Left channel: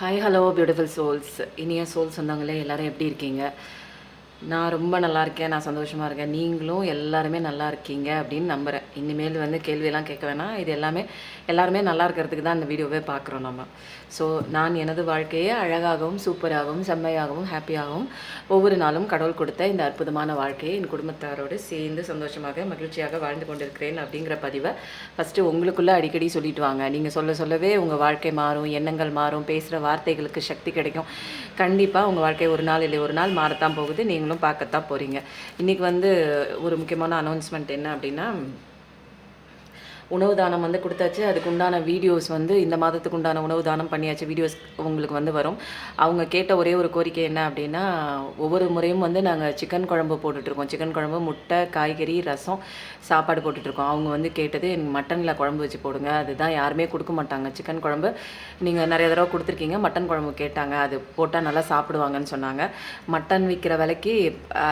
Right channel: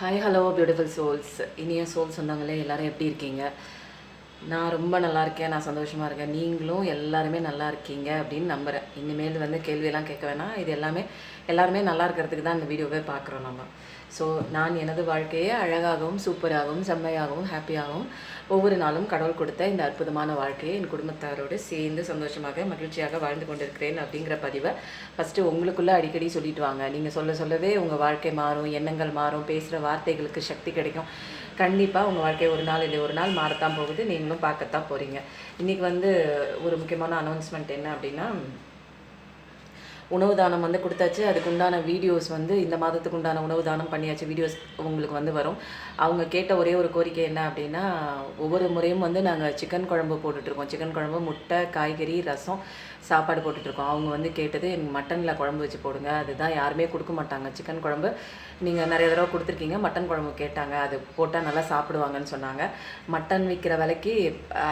Hi hello beautiful souls. இனிய soul சொந்தங்களே எல்லாரும் எப்படி இருக்கீங்க? நான் ரொம்ப நல்லா இருக்கேன். நான் சந்தோஷமாக இருக்கேன். நீங்களும் எல்லாருமே நல்லா இருக்கீங்க அப்படின்னு நம்புகிறேன். இனிமேல் வந்து கேள்வியெல்லாம் கேட்க வேணாம். இது எல்லாருமே நல்லா இருக்கிறதுக்கு தான் இந்த வீடியோவே பார்க்குறோம் நம்ம. ஸோ நான் எனது வாழ்க்கையை அழகாகவும் சூப்பராகவும் செம்மையாகவும் ஹாப்பியாகவும் ஒவ்வொரு நாளும் கடவுள் கொடுத்த இந்த அற்புதமான வாழ்க்கையை என் குடும்பத்தாரோடு சேர்ந்து சந்தோஷமாக மகிழ்ச்சியாக வாழ்ந்து கொண்டிருக்கிறேன் அப்படிங்கிற பதிவை ஃபஸ்ட்டு உங்களுக்குள்ளே அடிக்கடி சொல்லிட்டு வாங்க. நீங்கள் சொல்லவே உங்கள் வாழ்க்கை மாறும், எண்ணங்கள் மாறும், பேசுகிற வார்த்தைகளுக்கு சக்தி கிடைக்கும். கண்டிப்பாக உங்கள் வாழ்க்கை ஒரு நாள் இல்லை ஒரு நாள் மாறத்தான் போகுது. நீங்களும் பார்க்கத்தான் போகிறீங்க. இன்றைக்கி வந்து ஒரு முக்கியமான அனௌன்ஸ்மெண்ட் என்ன அப்படின்னா, உணவு தானம் வந்து கொடுத்தாச்சு. அதுக்கு உண்டான வீடியோஸ் வந்து இந்த மாதத்துக்கு உண்டான உணவு தானம் பண்ணியாச்சு. வீடியோஸ் உங்களுக்கு வந்து வரும். அவங்க கேட்ட ஒரே ஒரு கோரிக்கை என்ன அப்படின்னா, ஒவ்வொரு முறையும் வந்து நாங்கள் சிக்கன் குழம்பு போட்டுட்ருக்கோம். சிக்கன் குழம்பு, முட்டை, காய்கறி, ரசம், சாப்பாடு போட்டுட்ருக்கோம். அவங்க வந்து கேட்டது எனக்கு மட்டனில் குழம்பு வச்சு போடுங்க. அதுதான் யாருமே கொடுக்க மாட்டாங்க. சிக்கன் குழம்பு நீங்கள் நிறைய தடவை கொடுத்துருக்கீங்க. மட்டன் குழம்பு கேட்டாங்க. அது போட்டால் நல்லா சாப்பிடுவாங்கன்னு சொன்னாங்க. மட்டன் விற்கிற விலைக்கு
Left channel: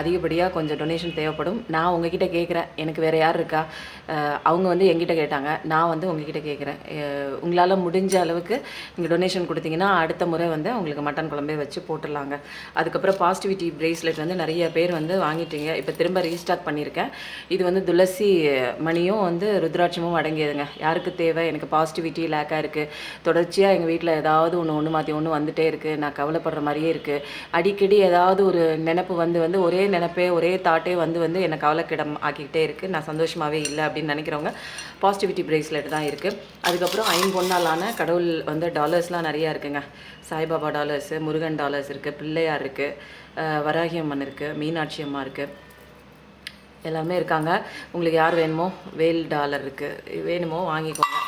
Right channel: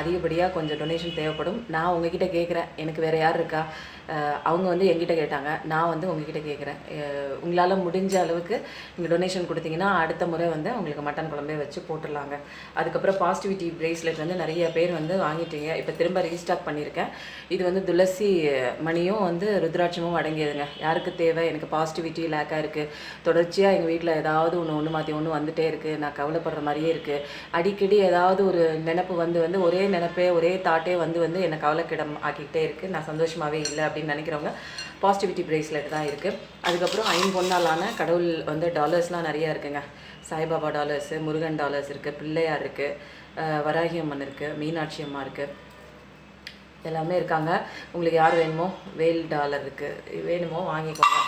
அதிகப்படியாக கொஞ்சம் டொனேஷன் தேவைப்படும். நான் உங்ககிட்ட கேட்குறேன், எனக்கு வேறு யார் இருக்கா? அவங்க வந்து எங்கிட்ட கேட்டாங்க, நான் வந்து உங்ககிட்ட கேட்குறேன். உங்களால் முடிஞ்ச அளவுக்கு நீங்கள் டொனேஷன் கொடுத்தீங்கன்னா அடுத்த முறை வந்து அவங்களுக்கு மட்டன் குழம்பே வச்சு போட்டுடலாங்க. அதுக்கப்புறம் பாசிட்டிவிட்டி பிரேஸ்லெட் வந்து நிறைய பேர் வந்து வாங்கிட்டீங்க. இப்போ திரும்ப ரீஸ்டாக் பண்ணியிருக்கேன். இது வந்து துளசி மணியும் வந்து ருத்ராட்சமும் அடங்கியதுங்க. யாருக்கு தேவை? எனக்கு பாசிட்டிவிட்டி லேக்காக இருக்குது. தொடர்ச்சியாக எங்கள் வீட்டில் ஏதாவது ஒன்று மாற்றி ஒன்று வந்துகிட்டே இருக்குது. நான் கவலைப்படுற மாதிரியே இருக்குது. அடிக்கடி ஏதாவது ஒரு நினப்பு வந்து ஒரே நினப்பே ஒரே தாட்டே வந்து என்னை கவலைக்கிடம் ஆக்கிக்கிட்டே இருக்குது. நான் சந்தோஷமாகவே இல்லை அப்படின்னு நினைக்கிறவங்க பாசிட்டிவிட்டி பிரேஸ்லெட் தான் இருக்குது. அதுக்கப்புறம் ஐம்பொன்னாலான கடவுள் வந்து டாலர்ஸ்லாம் நிறையா இருக்குங்க. சாய்பாபா டாலர்ஸு, முருகன் டாலர்ஸ் இருக்குது, பிள்ளையார் இருக்குது, வராகி அம்மன் இருக்குது, மீனாட்சி அம்மா இருக்குது, எல்லாமே இருக்காங்க. உங்களுக்கு யார் வேணுமோ வேல் டாலர் இருக்குது, வேணுமோ வாங்கிக்கோங்க.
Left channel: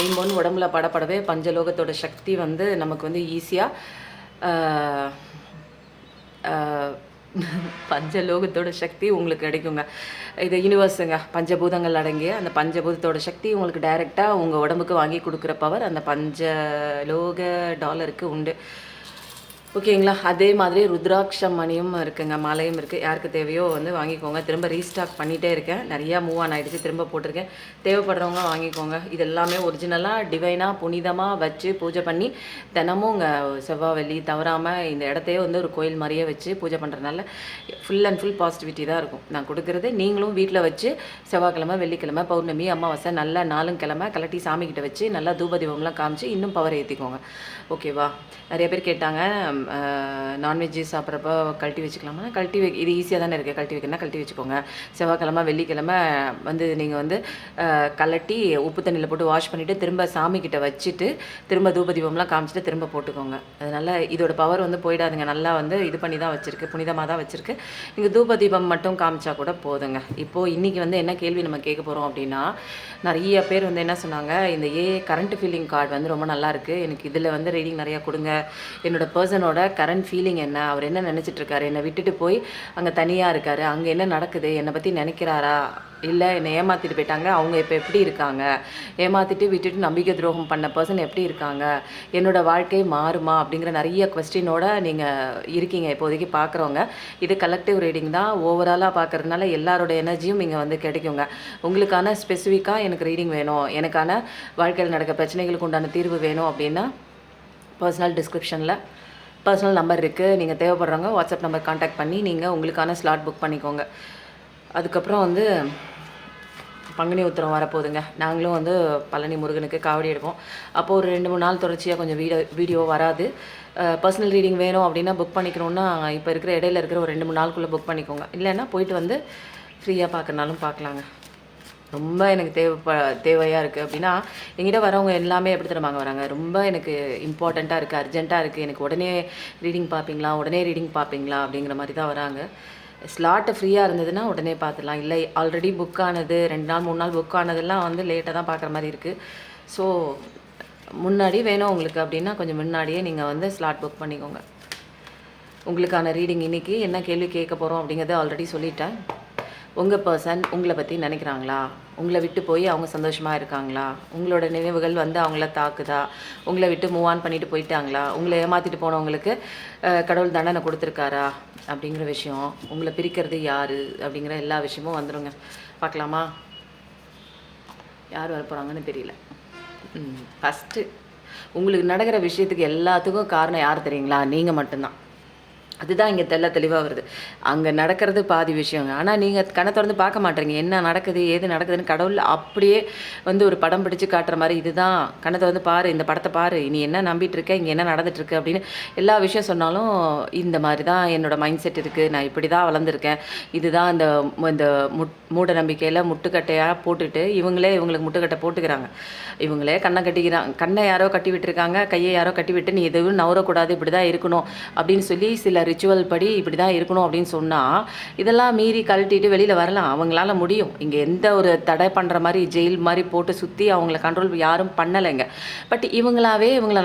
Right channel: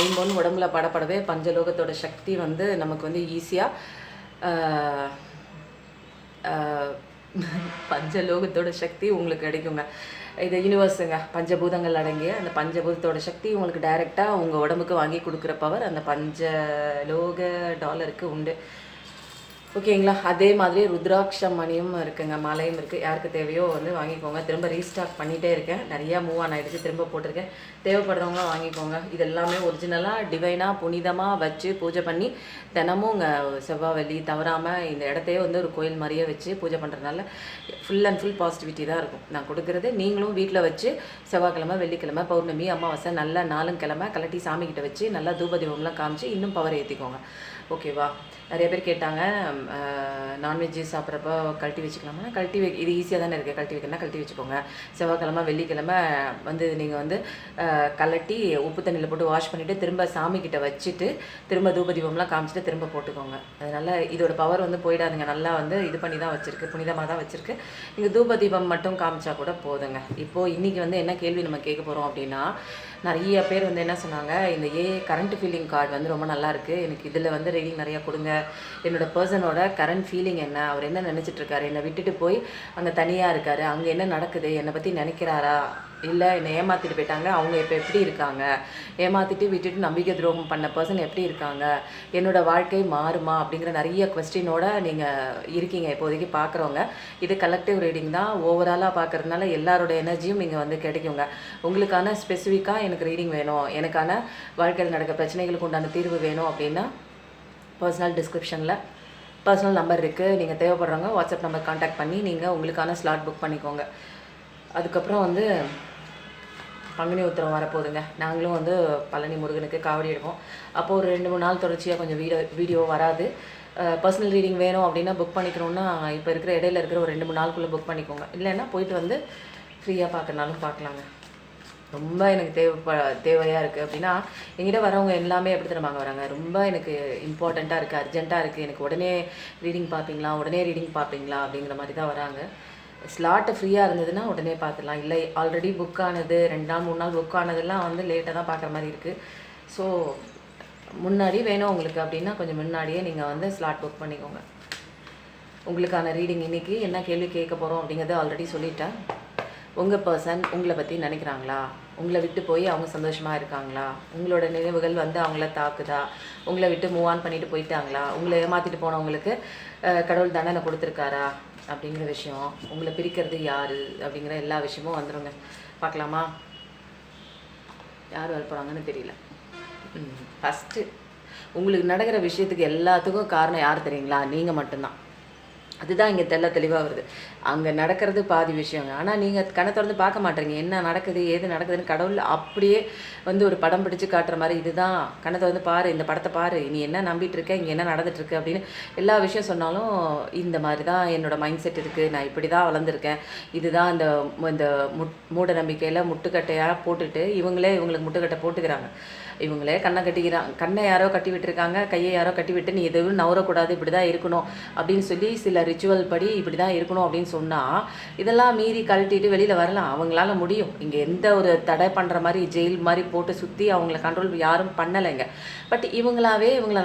ஐம்பொன் உடம்புல படப்படவே பஞ்சலோகத்தோட சக்தி வந்து நமக்கு வந்து ஈஸியாக பஞ்சலோகத்தோட சக்தி உங்களுக்கு கிடைக்குங்க. இது யூனிவர்ஸுங்க. பஞ்சபூதங்கள் அடங்கிய அந்த பஞ்சபூதத்தோட சக்தி உங்களுக்கு டைரெக்டாக உங்கள் உடம்புக்கு வாங்கி கொடுக்குற பவர் அந்த பஞ்சலோக டாலருக்கு உண்டு. ஓகேங்களா? அதே மாதிரி ருத்ராட்சம் மணியும் இருக்குங்க, மாலையும் இருக்குது. யாருக்கு தேவையோ வந்து வாங்கிக்கோங்க. திரும்ப ரீஸ்டாக் பண்ணிகிட்டே இருக்கேன். நிறையா மூவ் ஆன் ஆகிடுச்சு. திரும்ப போட்டிருக்கேன். தேவைப்படுறவங்க வாங்கிக்கோங்க. இது எல்லாமே ஒரிஜினலாக டிவைனாக புனிதமாக வச்சு பூஜை பண்ணி தினமும் உங்கள் செவ்வாய் வெள்ளி தவறாமல் இந்த இடத்தையே வந்து ஒரு கோயில் மாதிரியே வச்சு பூஜை பண்ணுறதுனால ஃபுல் அண்ட் ஃபுல் பாசிட்டிவிட்டி தான் இருக்கும். நான் கொடுக்குறது நீங்களும் வீட்டில் வச்சு செவ்வாய்க்கிழமை, வெள்ளிக்கிழமை, பௌர்ணமி, அமாவாசை நல்லா 4 கிழமை கலட்டி சாமிக்கிட்ட வச்சு நல்லா தூபதீபம்லாம் காமிச்சு இன்னும் பவர் ஏற்றிக்கோங்க. ஓகேவா? நிறைய பேர் கேட்டாங்க, நான்வெஜ்ஜு சாப்பிட்றப்போ கழட்டி வச்சுக்கலாமா? இது ஈஸியாக தானே இருக்குது. கழட்டி வைக்கணும்னா கழட்டி வச்சுக்கோங்க. செவ்வாய்க்கிழமை, வெள்ளிக்கிழமை வந்து நீங்கள் வந்து கலட்டி உப்பு தண்ணியில் போட்டு வாஷ் பண்ணிவிட்டு திரும்ப சாமிக்கிட்ட வச்சுட்டு திரும்ப தூபதீபம்லாம் காமிச்சிட்டு திரும்ப போட்டுக்கோங்க. அதனால் இதோட பவர் வந்து போயிடாதுங்க. நல்லா வந்து இது பண்ணி தான் வச்சுருக்கு, புனிதமாக தான் வச்சுருக்கு. நீங்கள் தூபதீபம் மட்டும் காமிச்சா கூட போதுங்க. இப்போது இன்றைக்கி வந்து என்ன கேள்வி நம்ம கேட்க போகிறோம் அப்படின்னா, நிறைய பேர் வந்து என்ன சொன்னாங்க, இந்த கரண்ட் ஃபீலிங் கார்டு வந்து ரொம்ப நல்லாயிருக்கு, எனக்கு இதில் வந்து ரீடிங் நிறையா கொடுங்க. என்னோடய பர்சனோட கரண்ட் ஃபீலிங் என்ன, அவர் என்ன நினச்சிட்ருக்காரு, என்னை விட்டுட்டு போய் அங்கே தனியாக இருக்கார், அங்கே என்ன நடக்குது, என்னை பற்றி நினைக்கிறாரா, இல்லை என்னை ஏமாற்றிட்டு போயிட்டாங்க, அவங்க இப்போ எப்படி இருக்காங்க, ஏமாற்றிட்டு விட்டுட்டு நம்பிக்கை துரோகம் பண்ண பர்சன் எப்படி இருக்காங்க, என்னோடய வாழ்க்கை மாறுமா அப்படிங்கிற நிறைய கொஸ்டினோட நீங்கள் இருக்கீங்க இப்போதைக்கு பார்க்குறவங்க. இது கலெக்டிவ் ரீடிங் தான். ஓவராலாக பார்க்குறதுனால எல்லாரோட எனர்ஜியும் இங்கே வந்து கிடைக்குங்க. உங்களுக்கான ஸ்பெசிஃபிக்காக எனக்கு ரீடிங் வேணும், எனக்கான வாழ்க்கையில் நடக்க பிரச்சனைகளுக்கு உண்டான தீர்வு வேணும் அப்படின்னா பர்சனல் டிஸ்கிரிப்ஷனில் பர்சனல் நம்பர் இருக்குது. நீங்கள் தேவைப்படுறவங்க வாட்ஸ்அப் நம்பர் கான்டாக்ட் பண்ணி நீங்கள் உங்களுக்கான ஸ்லாட் புக் பண்ணிக்கோங்க. அதுக்கப்புறம் வந்து பங்குனி உத்திரம் வரப்போகுதுங்க. நாங்களும் வந்து பழனி முருகனுக்கு காவடி எடுப்போம். அப்போது ஒரு 2-3 நாள் தொடர்ச்சியாக கொஞ்சம் வீடியோ வராது. பர்சனல் ரீடிங் வேணும் அப்படின்னா புக் பண்ணிக்கணுன்னா இப்போ இருக்கிற இடையில இருக்கிற ஒரு 2-3 நாளுக்குள்ளே புக் பண்ணிக்கோங்க. இல்லைன்னா போயிட்டு வந்து ஃப்ரீயாக பார்க்கறனாலும் பார்க்கலாங்க. ரொம்ப எனக்கு தேவையாக இருக்குது அப்படின்னா எங்கிட்ட வரவங்க எல்லாமே எப்படி தருவாங்க வராங்க, ரொம்ப எனக்கு இம்பார்ட்டண்ட்டாக இருக்குது, அர்ஜென்ட்டாக இருக்குது, எனக்கு உடனே ரீடிங் பார்ப்பீங்களா அப்படிங்கிற மாதிரி தான் வராங்க. ஸ்லாட்டு ஃப்ரீயாக இருந்ததுன்னா உடனே பார்த்துடலாம். இல்லை ஆல்ரெடி புக் ஆனது 2 நாள் 3 நாள் புக் ஆனதெல்லாம் வந்து லேட்டாக தான் பார்க்குற மாதிரி இருக்குது. ஸோ முன்னாடி வேணும் உங்களுக்கு அப்படின்னா கொஞ்சம் முன்னாடியே நீங்கள் வந்து ஸ்லாட் புக் பண்ணிக்கோங்க. உங்களுக்கான ரீடிங் இன்றைக்கி என்ன கேள்வி கேட்க போகிறோம் அப்படிங்கிறத ஆல்ரெடி சொல்லிட்டேன். உங்கள் பர்சன் உங்களை பற்றி நினைக்கிறாங்களா, உங்களை விட்டு போய் அவங்க சந்தோஷமாக இருக்காங்களா, உங்களோட நினைவுகள் வந்து அவங்கள தாக்குதா, உங்களை விட்டு மூவ் ஆன் பண்ணிட்டு போயிட்டாங்களா, உங்களை ஏமாற்றிட்டு போனவங்களுக்கு கடவுள் தண்டனை கொடுத்துருக்காரா அப்படிங்கிற விஷயம், உங்களை பிரிக்கிறது யார் அப்படிங்கிற எல்லா விஷயமும் வந்துடுங்க. பார்க்கலாமா? யார் வரப்போகிறாங்கன்னு தெரியல. ஃபஸ்ட்டு உங்களுக்கு நடக்கிற விஷயத்துக்கு எல்லாத்துக்கும் காரணம் யார் தெரியுங்களா? நீங்கள் மட்டும்தான். அதுதான் இங்கே தெளிவாக வருது. அங்கே நடக்கிறது பாதி விஷயங்க. ஆனால் நீங்கள் கண்ண தொறந்து பார்க்க மாட்றீங்க. என்ன நடக்குது, ஏது நடக்குதுன்னு கடவுள் அப்படியே வந்து ஒரு படம் பிடிச்சு காட்டுற மாரி, இதுதான் கண்ண தொறந்து பாரு, இந்த படத்த பாரு, நீ என்ன நம்பிட்டு இருக்க, இங்கே என்ன நடந்துட்டுருக்கு அப்படின்னு எல்லா விஷயம் சொன்னாலும், இந்த மாரி தான் என்னோட மைண்ட் செட் இருக்குது. நான் இப்படி தான் வளர்ந்துருக்கேன். இதுதான் இந்த இந்த மூட நம்பிக்கையில முட்டுக்கட்டையா போட்டுட்டு, இவங்களுக்கு முட்டுக்கட்டை போட்டுக்கிறாங்க. இவங்களே கண்ணை யாரோ கட்டி விட்டுருக்காங்க, கையை யாரோ கட்டி விட்டு, நீ எதுவும் நவரக்கூடாது, இப்படி தான் இருக்கணும் அப்படின்னு சொல்லி சில ரிச்சுவல் படி இப்படி தான் இருக்கணும் அப்படின்னு சொன்னால், இதெல்லாம் மீறி கழட்டிட்டு வெளியில் வரலாம். அவங்களால முடியும். இங்கே எந்த ஒரு தடை பண்ணுற மாதிரி ஜெயில் மாதிரி போட்டு சுற்றி அவங்கள கண்ட்ரோல் யாரும் பண்ணலைங்க. பட் இவங்கள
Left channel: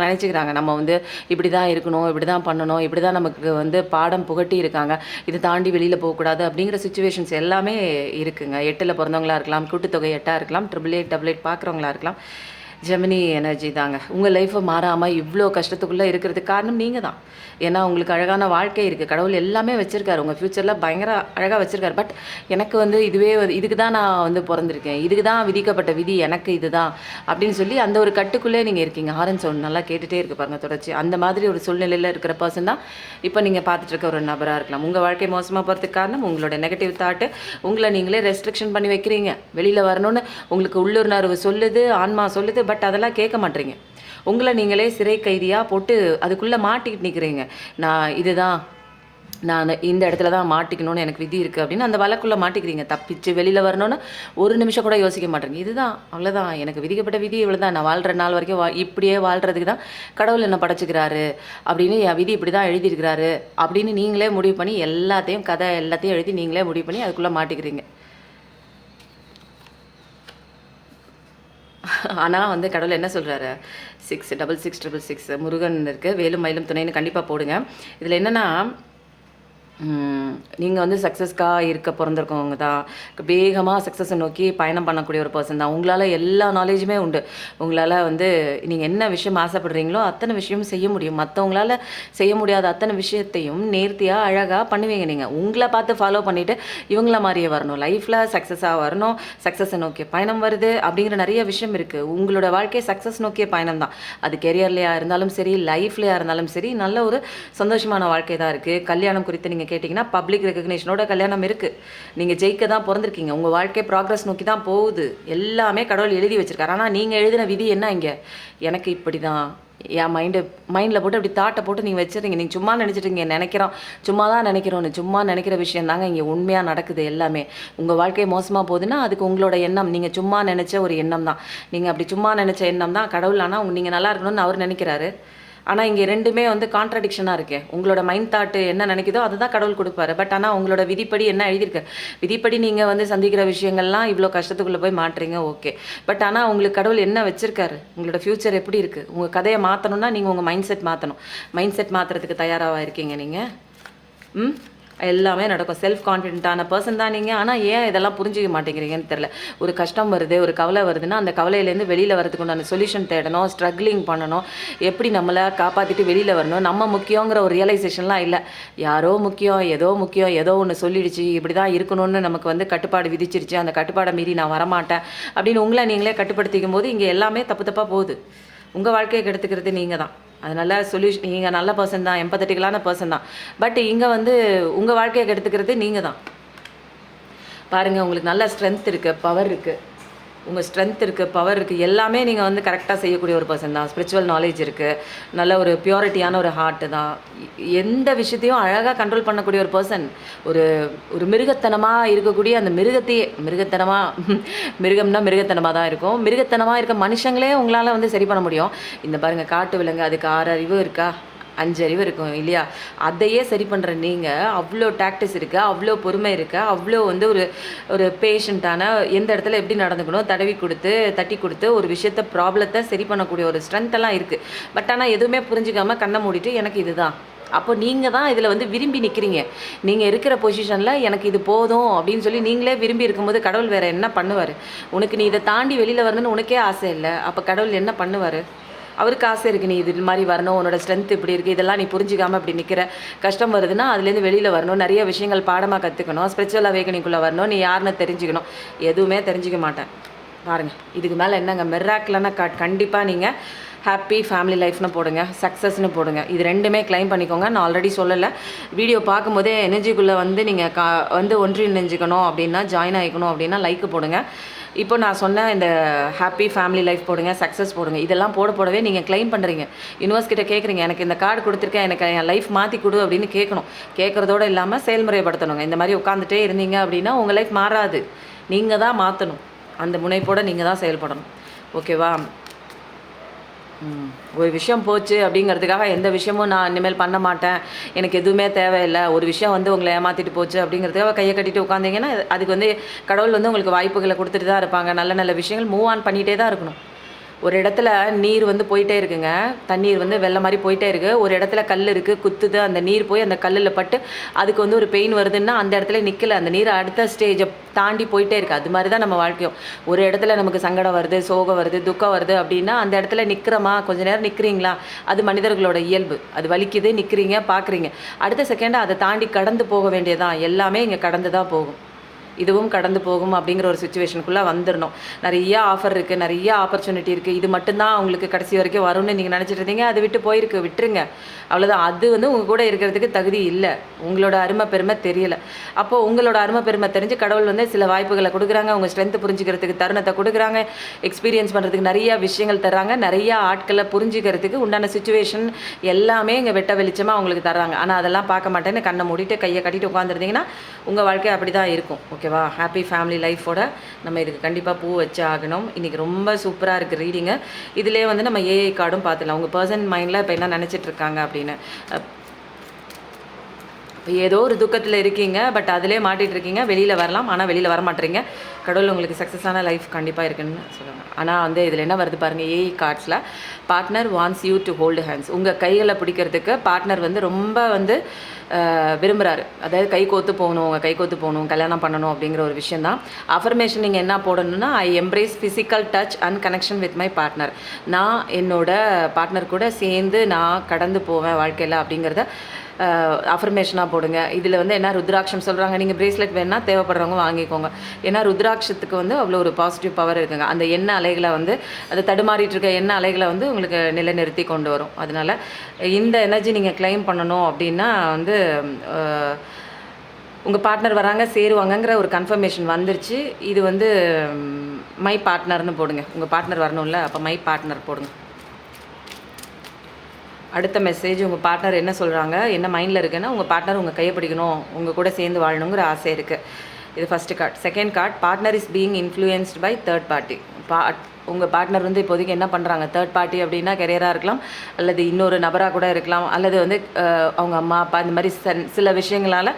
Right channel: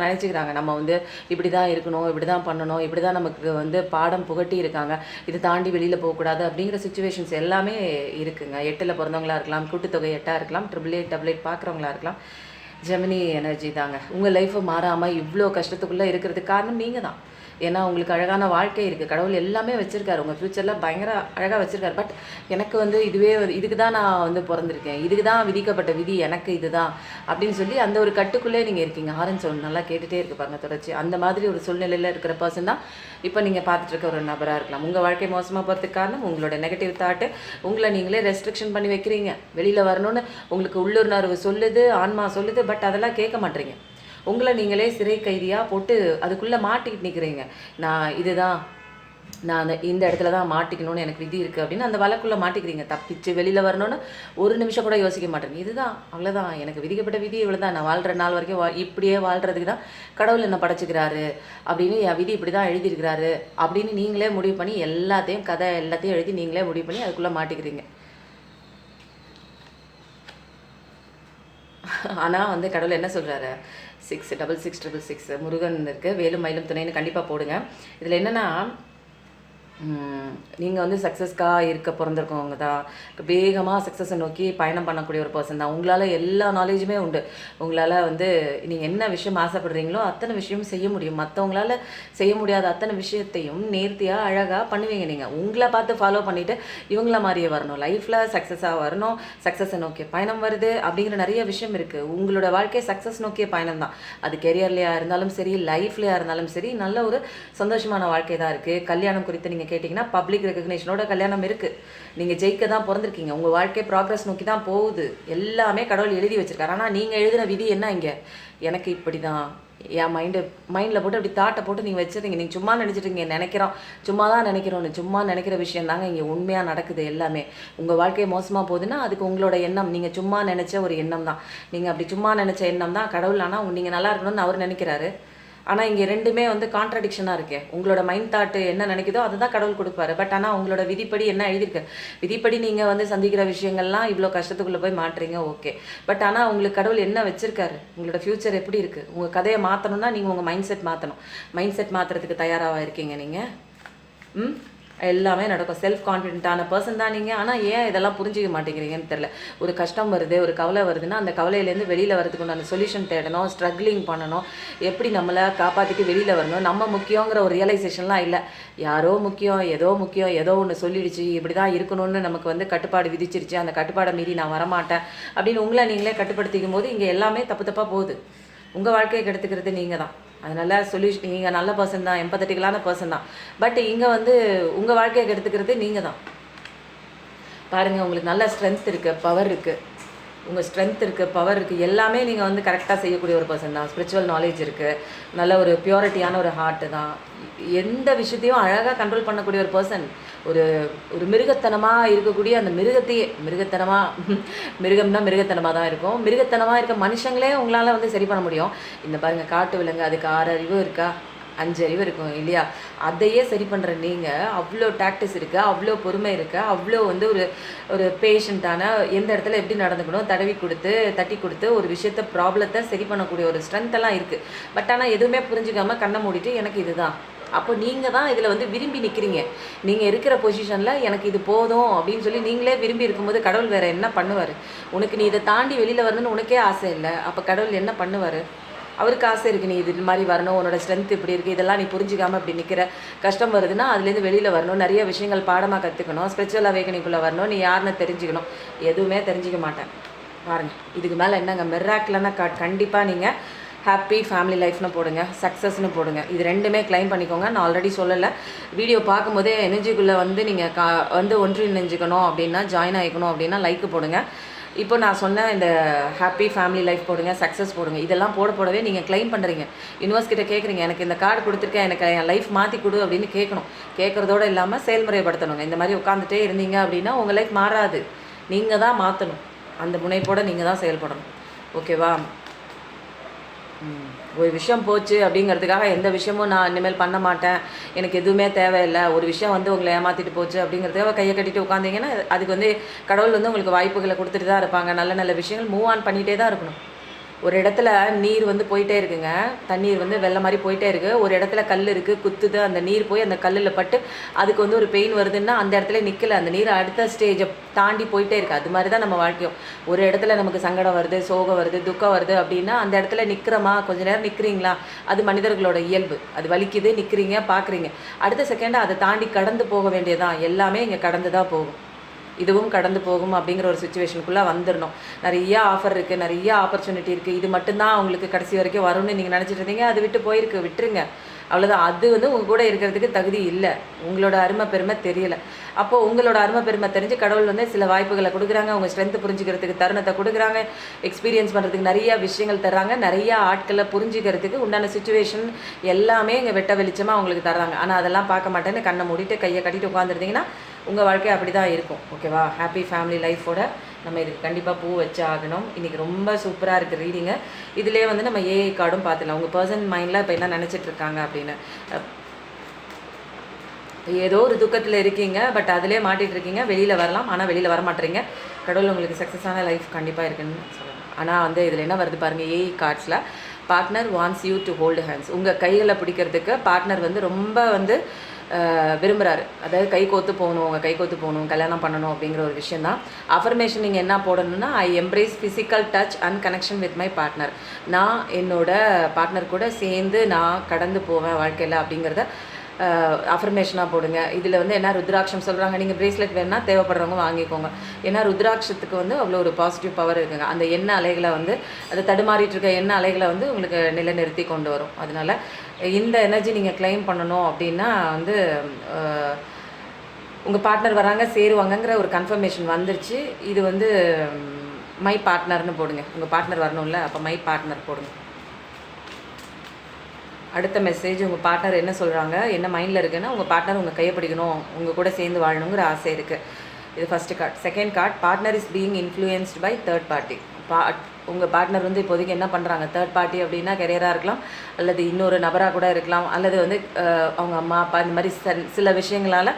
நினச்சிக்கிறாங்க, நம்ம வந்து இப்படி தான் இருக்கணும், இப்படி தான் பண்ணணும், இப்படி தான் நமக்கு வந்து பாடம் புகட்டி இருக்காங்க, இதை தாண்டி வெளியில் போகக்கூடாது அப்படிங்கிற சுச்சுவேஷன்ஸ் எல்லாமே இருக்குங்க. 8ல் பிறந்தவங்களா இருக்கலாம், கூட்டுத்தொகை 8ஆக இருக்கலாம், 888 பார்க்குறவங்களா இருக்கலாம். ஜெமினி எனர்ஜி தாங்க. உங்கள் லைஃப்பை மாறாமல் இவ்வளோ கஷ்டத்துக்குள்ளே இருக்கிறதுக்கு காரணம் நீங்கள் தான். ஏன்னா உங்களுக்கு அழகான வாழ்க்கை இருக்குது. கடவுள் எல்லாமே வச்சுருக்காரு. உங்கள் ஃப்யூச்சரில் பயங்கர அழகாக வச்சுருக்காரு. பட் எனக்கு வந்து இதுக்கு தான் நான் வந்து பிறந்திருக்கேன், இதுக்கு தான் விதிக்கப்பட்ட விதி எனக்கு இதுதான் அப்படின்னு சொல்லி அந்த ஒரு கட்டுக்குள்ளே நீங்கள் இருக்கீங்க. ஹாரன் சவுண்ட் நல்லா கேட்டுகிட்டே இருக்குது பாருங்கள் தொடர்ச்சி. அந்த மாதிரி ஒரு சூழ்நிலையில் இருக்கிற பர்சன் தான் இப்போ நீங்கள் பார்த்துட்டு இருக்க ஒரு நபராக இருக்கலாம். உங்கள் வாழ்க்கை மோசமாக போகிறதுக்கு காரணம் உங்களோட நெகட்டிவ் தாட்டு. உங்களை நீங்களே ரெஸ்ட்ரிக்ஷன் பண்ணி வைக்கிறீங்க. வெளியில் வரணும்னு உங்களுக்கு உள்ளுணர்வு சொல்லுது, ஆன்மா சொல்லுது. பட் அதெல்லாம் கேட்க மாட்டீங்க. உங்களை நீங்களே சிறை கைதியாக போட்டு அதுக்குள்ளே மாட்டிக்கிட்டு நிற்கிறீங்க. நான் இந்த இடத்துல தான் மாட்டிக்கணும்னு எனக்கு விதி இருக்குது அப்படின்னு அந்த வழக்குள்ளே மாட்டிக்கிறீங்க. தப்பிச்சு வெளியில் வரணும்னு ஒரு நிமிஷம் கூட யோசிக்க மாட்டேங்க. இதுதான், அவ்வளோதான், எனக்கு விதிக்கப்பட்ட விதி இவ்வளோ தான், நான் வாழ்கிற நாள் வரைக்கும் இப்படியே வாழ்கிறதுக்கு தான் கடவுள் என்ன படைச்சிக்கிறாரு அப்படின்னு, என் விதி இப்படி தான் எழுதியிருக்கிறாரு அப்படின்னு நீங்களே முடிவு பண்ணி எல்லாத்தையும் எழுதி நீங்களே முடிவு பண்ணி அதுக்குள்ளே மாட்டிக்கிறீங்க. ஆனால் வந்து கடவுள் என்ன சொல்கிறாரு, 66666 முருகன் இருக்குது, வேலும் மயிலும் துணைன்னு கண்டிப்பாக போடுங்க. இதில் என்னென்னா, நீங்கள் வந்து சக்ஸஸ்க்காக இருக்க பிறந்திருக்கவங்க தான். வேகமாக சக்ஸஸை நோக்கி பயணம் பண்ணக்கூடிய ஒரு பர்சன் தான். உங்களால் எல்லா நாலேஜுமே உண்டு. உங்களால் வந்து நீங்கள் என்ன விஷயம் ஆசைப்படுறீங்களோ அத்தனை விஷயமும் செய்ய முடியும். மற்றவங்களால செய்ய முடியாத அத்தனை விஷயத்தையும் நேர்த்தியாக அழகாக பண்ணுவீங்க. நீங்கள் உங்களை பார்த்து ஃபாலோ பண்ணிவிட்டு இவங்கள மாதிரியே வரணும், லைஃப்பில் சக்ஸஸாக வரணும், சக்ஸஸை நோக்கிய பயணம் வருது அப்படிங்கிற நிறைய விஷயம் இருக்குது. உங்களோட வாழ்க்கை சக்ஸஸ் நோக்கிய பயணம் தான். அது கெரியர்லையாக இருந்தாலும் சரி, லைஃப்லையாக இருந்தாலும் சரி, நல்ல ஒரு சந்தோஷமான வாழ்க்கை தான் இருக்குது. கல்யாணம் குறித்து நீங்கள் கேட்டிங்கன்னா, பப்ளிக் ரெகக்னேஷனோட கல்யாணம் இருக்குது. நீங்கள் ஜெயிக்க தான் பிறந்திருக்கீங்க. உங்கள் வாழ்க்கை ப்ராக்ரஸ் நோக்கி தான் போகுது. எல்லாமே கடவுள் எழுதி வச்சுருக்காரு. ஆனால் நீங்கள் எழுதின விதி என்ன இங்கே, எனக்கு இப்படி தான், என் மைண்டில் போட்டு அப்படி தாட்டை போட்டு நீங்கள் வச்சுருங்க. நீங்கள் சும்மா நினச்சிட்டு நினைக்கிறோம், சும்மா தான் நினைக்கிறோன்னு, சும்மா நினைக்கிற விஷயம் தாங்க இங்கே உண்மையாக நடக்குது. எல்லாமே உங்கள் வாழ்க்கை மோசமாக போகுதுன்னா அதுக்கு உங்களோட எண்ணம், நீங்கள் சும்மா நினச்ச ஒரு எண்ணம் தான். நீங்கள் அப்படி சும்மா நினச்ச எண்ணம் தான் கடவுள். ஆனால் நீங்கள் நல்லா இருக்கணும்னு அவர் நினைக்கிறாரு. ஆனால் இங்கே ரெண்டுமே வந்து கான்ட்ரடிக்ஷனாக இருக்கு. உங்களோட மைண்ட் தாட்டு என்ன நினைக்குதோ அதுதான் கடவுள் கொடுப்பாரு. பட் ஆனால் உங்களோட விதிப்படி என்ன எழுதியிருக்கு, விதிப்படி நீங்கள் வந்து சந்திக்கிற விஷயங்கள்லாம் இவ்வளோ கஷ்டத்துக்குள்ளே போய் மாட்டுறீங்க, ஓகே. பட் ஆனால் உங்களுக்கு கடவுள் என்ன வச்சிருக்காரு, உங்களோட ஃப்யூச்சர் எப்படி இருக்குது, உங்கள் கதையை மாற்றணும்னா நீங்கள் உங்கள் மைண்ட் செட் மாற்றணும். மைண்ட் செட் மாற்றுறதுக்கு தயாராக இருக்கீங்க நீங்கள். எல்லாமே நடக்கும். செல்ஃப் கான்ஃபிடென்ட்டான பர்சன் தான் நீங்கள். ஆனால் ஏன் இதெல்லாம் புரிஞ்சிக்க மாட்டேங்கிறீங்கன்னு தெரில. ஒரு கஷ்டம் வருது, ஒரு கவலை வருதுன்னா அந்த கவலையிலேருந்து வெளியில் வரதுக்கு உண்டான சொல்யூஷன் தேடணும், ஸ்ட்ரகிளிங் பண்ணணும், எப்படி நம்மளை காப்பாற்றிட்டு வெளியில் வரணும். நம்ம முக்கியங்கிற ஒரு ரியலைசேஷன்லாம் இல்லை. யாரோ முக்கியம், ஏதோ ஒன்று சொல்லிடுச்சு, இப்படி தான் இருக்கணும்னு நமக்கு வந்து கட்டுப்பாடு விதிச்சிருச்சு, அந்த கட்டுப்பாடை மீறி நான் வரமாட்டேன் அப்படின்னு உங்களை நீங்களே கட்டுப்படுத்திக்கும் போது இங்கே எல்லாமே தப்பாக போகுது. உங்கள் வாழ்க்கையை கெடுத்துக்கிறது நீங்கள் தான். அதனால் சொல்யூஷன், நீங்கள் நல்ல பர்சன் தான், எம்பத்தட்டிக்கலான பர்சன் தான். பட் இங்கே வந்து உங்கள் வாழ்க்கையை கெடுத்துக்கிறது நீங்கள் தான். பாருங்கள், உங்களுக்கு நல்ல ஸ்ட்ரென்த் இருக்குது, பவர் இருக்குது. உங்கள் ஸ்ட்ரென்த் இருக்குது, பவர் இருக்குது, எல்லாமே நீங்கள் வந்து கரெக்டாக செய்யக்கூடிய ஒரு பர்சன் தான். ஸ்பிரிச்சுவல் நாலேஜ் இருக்குது, நல்ல ஒரு பியூரிட்டியான ஒரு ஹார்ட்டு தான். எந்த விஷயத்தையும் அழகாக கண்ட்ரோல் பண்ணக்கூடிய ஒரு பர்சன். ஒரு ஒரு மிருகத்தனமாக இருக்கக்கூடிய அந்த மிருகத்தையே, மிருகம்னா மிருகத்தனமாக தான் இருக்கும். மிருகத்தனமாக இருக்க மனுஷங்களே உங்களால் வந்து சரி பண்ண முடியும். இந்த பாருங்கள், காட்டு விலங்கு, அதுக்கு 6 அறிவு இருக்கா, 5 அறிவு இருக்கும் இல்லையா? அதையே சரி பண்ணுற நீங்கள், அவ்வளோ டாக்டிஸ் இருக்குது, அவ்வளோ பொறுமை இருக்குது, அவ்வளோ வந்து ஒரு பேஷண்ட்டான, எந்த இடத்துல எப்படி நடந்துக்கணும், தட்டி கொடுத்து ஒரு விஷயத்த, ப்ராப்ளத்தை சரி பண்ணக்கூடிய ஒரு ஸ்ட்ரென்த்தெல்லாம் இருக்குது. பட் ஆனால் எதுவுமே புரிஞ்சுக்காமல் கண்ணை மூடிட்டு எனக்கு இதுதான். அப்போ நீங்கள் தான் இதில் வந்து விரும்பி நிற்கிறீங்க. நீங்கள் இருக்கிற பொசிஷனில் எனக்கு இது போதும் அப்படின்னு சொல்லி நீங்களே விரும்பி இருக்கும்போது கடவுள் வேறு என்ன பண்ணுவார்? உனக்கு நீ இதை தாண்டி வெளியில் வரணும்னு உனக்கே ஆசை இல்லை, அப்போ கடவுள் என்ன பண்ணுவார்? அவருக்கு ஆசை இருக்குது, நீ இது மாதிரி வரணும், உன்னோட ஸ்ட்ரென்த் இப்படி இருக்குது, இதெல்லாம் நீ புரிஞ்சிக்காமல் இப்படி நிற்கிற, கஷ்டம் வருதுன்னா அதுலேருந்து வெளியில் வரணும், நிறைய விஷயங்கள் பாடமாக கற்றுக்கணும், ஸ்பிரிச்சுவல் அவேக்கனிங்குள்ளே வரணும், நீ யாருன்னு தெரிஞ்சுக்கணும். எதுவுமே தெரிஞ்சிக்க மாட்டேன். பாருங்கள், இதுக்கு மேலே என்னங்க மிராக்கிளான கண்டிப்பாக நீங்கள் ஹாப்பி ஃபேமிலி லைஃப்னு போடுங்க, சக்ஸஸ்னு போடுங்க. இது ரெண்டுமே கிளைம் பண்ணிக்கோங்க. நான் ஆல்ரெடி சொல்லலை, வீடியோ பார்க்கும்போதே எனர்ஜிக்குள்ளே வந்து நீங்கள் வந்து ஒன்றிணைஞ்சிக்கணும் அப்படின்னா, ஜாயின் ஆகிக்கணும் அப்படின்னா லைக் போடுங்க. இப்போ நான் சொன்ன இந்த ஹாப்பி ஃபேமிலி லைஃப் போடுங்க, சக்ஸஸ் போடுங்க. இதெல்லாம் போடவே நீங்கள் கிளைம் பண்ணுறீங்க. யூனிவர்ஸ் கிட்ட கேட்குறீங்க, எனக்கு இந்த கார்டு கொடுத்துருக்கேன், எனக்கு என் லைஃப் மாற்றி கொடு அப்படின்னு கேட்கணும். கேட்குறதோடு இல்லாமல் செயல்முறைப்படுத்தணுங்க. இந்த மாதிரி உட்காந்துட்டே இருந்தீங்க அப்படின்னா உங்கள் லைஃப் மாறாது. நீங்கள் தான் மாற்றணும். அந்த முனைப்போடு நீங்கள் தான் செயல்படணும். ஓகேவா? ஒரு விஷயம் போச்சு அப்படிங்கிறதுக்காக எந்த விஷயமும் நான் இனிமேல் பண்ண மாட்டேன், எனக்கு எதுவுமே தேவையில்லை, ஒரு விஷயம் வந்து உங்களை ஏமாற்றிட்டு போச்சு அப்படிங்கிறதுக்காக கையை கட்டிட்டு உட்காந்திங்கன்னா அதுக்கு வந்து கடவுள் வந்து உங்களுக்கு வாய்ப்புகளை கொடுத்துட்டு தான் இருப்பாங்க. நல்ல நல்ல விஷயங்கள் மூவ் ஆன் பண்ணிகிட்டே தான் இருக்கணும். ஒரு இடத்துல நீர் வந்து போயிட்டே இருக்குங்க, தண்ணீர் வந்து வெள்ளம் மாதிரி போயிட்டே இருக்குது. ஒரு இடத்துல கல் இருக்குது, குத்துது, அந்த நீர் போய் அந்த கல்லில் பட்டு அதுக்கு வந்து ஒரு பெயின் வருதுன்னா அந்த இடத்துல நிற்கலை, அந்த நீர் அடுத்த ஸ்டேஜை தாண்டி போயிட்டே இருக்குது. அது மாதிரி தான் நம்ம வாழ்க்கையும். ஒரு இடத்துல நமக்கு சங்கடம் வருது, சோகம் வருது, துக்கம் வருது அப்படின்னா அந்த இடத்துல நிற்கிறோமா, கொஞ்ச நேரம் நிற்கிறீங்களா, அது மனிதர்களோட இயல்பு. அது வலிக்குது, நிற்கிறீங்க, பார்க்குறீங்க, அடுத்த செகண்ட் அதை தாண்டி கடந்து போக வேண்டியதான். எல்லாமே இங்கே கடந்து தான் போகும். இதுவும் கடந்து போகும் அப்படிங்கிற ஒரு சுச்சுவேஷனுக்குள்ளே வந்துடணும். நிறைய ஆஃபர் இருக்குது, நிறைய ஆப்பர்ச்சுனிட்டி இருக்குது. இது மட்டும்தான் அவங்களுக்கு கடைசி வரைக்கும் வரும்னு நீங்கள் நினச்சிட்டு இருந்தீங்க, அது விட்டு போயிருக்கு, விட்டுருங்க, அவ்வளோதான். அது வந்து உங்கள் கூட இருக்கிறதுக்கு தகுதி இல்லை. உங்களோட அருமை பெருமை தெரியலை. அப்போது உங்களோட அருமை பெருமை தெரிஞ்சு கடவுள் வந்து சில வாய்ப்புகளை கொடுக்குறாங்க, உங்கள் ஸ்ட்ரென்த்து புரிஞ்சுக்கிறதுக்கு தருணத்தை கொடுக்குறாங்க, எக்ஸ்பீரியன்ஸ் பண்ணுறதுக்கு நிறையா விஷயங்கள் தர்றாங்க, நிறையா ஆட்களை புரிஞ்சுக்கிறதுக்கு உண்டான சுச்சுவேஷன் எல்லாமே இங்கே வெட்ட வெளிச்சமாக அவங்களுக்கு தர்றாங்க. ஆனால் அதெல்லாம் பார்க்க மாட்டேன்னு கண்ணை மூடிட்டு கையை கட்டிட்டு உட்காந்துருந்தீங்கன்னா உங்கள் வாழ்க்கை அப்படி தான் இருக்கும். ஓகேவா? ஹாப்பி ஃபேமிலி லைஃபோட நம்ம இதுக்கு கண்டிப்பாக பூ வச்சு ஆகணும். இன்றைக்கி ரொம்ப சூப்பராக இருக்குது ரீடிங்கு. இதிலே வந்து நம்ம ஏஐ கார்டும் பார்த்துக்கலாம். உங்கள் பர்சன் மைண்டில் இப்போ என்ன நினச்சிட்டு இருக்காங்க அப்படின்னு. ஏதோ ஒரு துக்கத்தில் இருக்கீங்க, பட் அதிலே மாட்டிகிட்டு இருக்கீங்க. வெளியில் வரலாம், ஆனால் வெளியில் வர மாட்டேறீங்க. கடவுள் உங்களுக்கு சக்ஸஸான லைஃப் கண்டிப்பாக இருக்குன்னு சொல்லுவாங்க. ஆனால் வந்து இதில் என்ன வருது பாருங்கள், ஏஐ கார்ட்ஸில் partner wants you to hold hands. உங்கள் கைகளை பிடிக்கிறதுக்கு பார்ட்னர் வந்து ரொம்ப வந்து விரும்புகிறாரு. அதாவது கை கோத்து போகணும், உங்கள் கை கோத்து போகணும், கல்யாணம் பண்ணணும் அப்படிங்கிற ஒரு விஷயம் தான். அஃபர்மேஷன் நீங்கள் என்ன போடணும்னா, I embrace physical touch and connection with my partner. நான் என்னோட பார்ட்னர் கூட சேர்ந்து நான் கடந்து போவேன் வாழ்க்கையில் அப்படிங்கிறத அஃபர்மேஷனாக போடுங்க. இதில் வந்து என்ன ருத்ராட்சம் சொல்கிறாங்க, நீங்கள் ப்ரேஸ்லெட் வேணால் தேவைப்படுறவங்க வாங்கிக்கோங்க. ஏன்னா ருத்ராட்சத்துக்கு வந்து அவ்வளோ ஒரு பாசிட்டிவ் பவர் இருக்குங்க. அந்த எண்ணெய் அலைகளை வந்து அது தடுமாறிட்டு இருக்க எண்ணெய் அலைகளை வந்து உங்களுக்கு நிலைநிறுத்தி கொண்டு வரும். அதனால் இந்த எனர்ஜி நீங்கள் கிளைம் பண்ணணும் அப்படின்னா வந்து உங்கள் பார்ட்னர் வராங்க, சேருவாங்கங்கிற ஒரு கன்ஃபர்மேஷன் வந்துருச்சு. இது வந்து மை பார்ட்னர்னு போடுங்க. உங்கள் பார்ட்னர் வரணும்ல, அப்போ மை பார்ட்னர் போடுங்க. அடுத்த மெசேஜ், உங்கள் பார்ட்னர் என்ன சொல்கிறாங்க, என்ன மைண்டில் இருக்குன்னா, உங்கள் பார்ட்னர் உங்கள் கையை பிடிக்கணும், உங்கள் கூட சேர்ந்து வாழணுங்கிற ஆசை இருக்குது. இது first card. Second card, partner is being influenced by third party. உங்கள் பார்ட்னர் வந்து இப்போதைக்கு என்ன பண்ணுறாங்க, தேர்ட் பார்ட்டி அப்படின்னா கெரியராக இருக்கலாம், அல்லது இன்னொரு நபராக கூட இருக்கலாம், அல்லது வந்து அவங்க அம்மா அப்பா இந்த மாதிரி சில விஷயங்களால்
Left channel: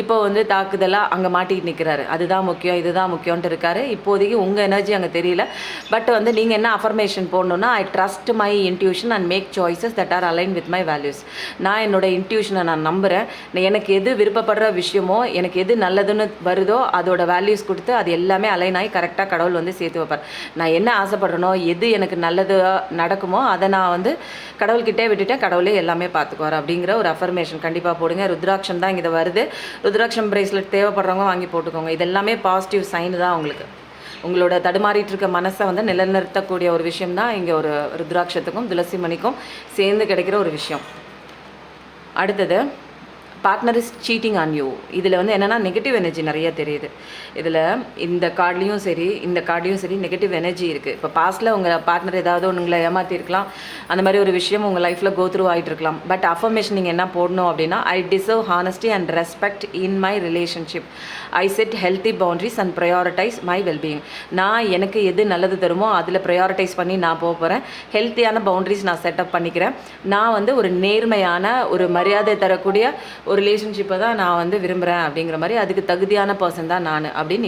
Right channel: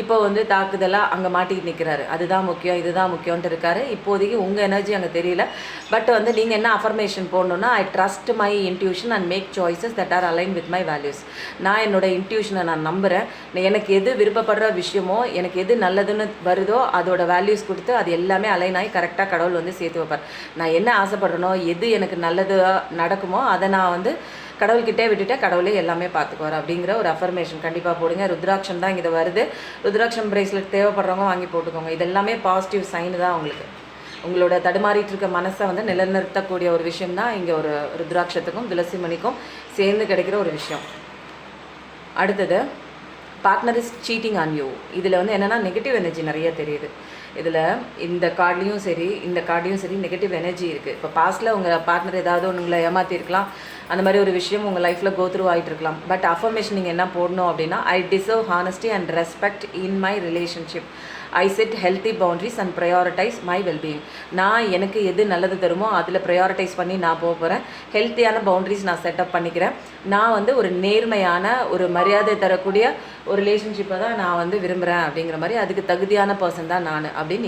இப்போ வந்து தாக்குதலாக அங்கே மாட்டிகிட்டு நிற்கிறாரு. அதுதான் முக்கியம், இதுதான் முக்கியம்ன்ட்டு இருக்காரு. இப்போதைக்கு உங்கள் எனர்ஜி அங்கே தெரியல. பட் வந்து நீங்கள் என்ன அஃபர்மேஷன் போடணுன்னா, I trust my intuition and make choices that are align with my values. நான் என்னோட இன்ட்யூஷனை நான் நம்புகிறேன். எனக்கு எது விருப்பப்படுற விஷயமோ, எனக்கு எது நல்லதுன்னு வருதோ அதோட வேல்யூஸ் கொடுத்து அது எல்லாமே அலைன் ஆகி கரெக்டாக கடவுள் வந்து சேர்த்து வைப்பார். நான் என்ன ஆசைப்படுறனோ, எது எனக்கு நல்லது நடக்குமோ அதை நான் வந்து கடவுள்கிட்டே விட்டுட்டேன், கடவுளே எல்லாமே பார்த்துக்குவார் அப்படிங்கிற ஒரு அஃபர்மேஷன் கண்டிப்பாக போடுங்க. ருத்ராட்சம் தான் இங்கே வருது. ருத்ராட்சம் பிரேஸ்லெட் தேவைப்படுறவங்க வாங்கி போட்டுக்கோங்க. இது எல்லாமே பாசிட்டிவ் சைன் தான் உங்களுக்கு. உங்களோட தடுமாறிட்டு இருக்க மனசை வந்து நிலைநிறுத்தக்கூடிய ஒரு விஷயம் தான் இங்கே ஒரு ருத்ராட்சத்துக்கும் துளசி மணிக்கும் சேர்ந்து கிடைக்கிற ஒரு விஷயம். அடுத்தது, partner is cheating on you. இதில் வந்து என்னென்னா நெகட்டிவ் எனர்ஜி நிறைய தெரியுது. இதில் இந்த கார்ட்லேயும் சரி, இந்த கார்ட்லேயும் சரி நெகட்டிவ் எனர்ஜி இருக்குது. இப்போ பாஸ்ட்டில் உங்கள் பார்ட்னர் ஏதாவது உங்களை ஏமாற்றிருக்கலாம், அந்த மாதிரி ஒரு விஷயம் உங்கள் லைஃப்பில் கோத்ரூ ஆகிட்டு இருக்கலாம். பட் அஃபர்மேஷன் நீங்கள் என்ன போடணும் அப்படின்னா, I deserve honesty and respect in my relationship. I set healthy boundaries and prioritize my wellbeing. நான் எனக்கு எது நல்லது தருமோ அதில் ப்ரையாரிட்டைஸ் பண்ணி நான் போக போகிறேன். ஹெல்த்தியான பவுண்ட்ரிஸ் நான் செட்டப் பண்ணிக்கிறேன். நான் வந்து ஒரு நேர்மையான, ஒரு மரியாதை தரக்கூடிய ஒரு ரிலேஷன்ஷிப்பை தான் நான் வந்து விரும்புகிறேன் அப்படிங்கிற மாதிரி, அதுக்கு தகுதியான பர்சன் தான் நான் அப்படின்னு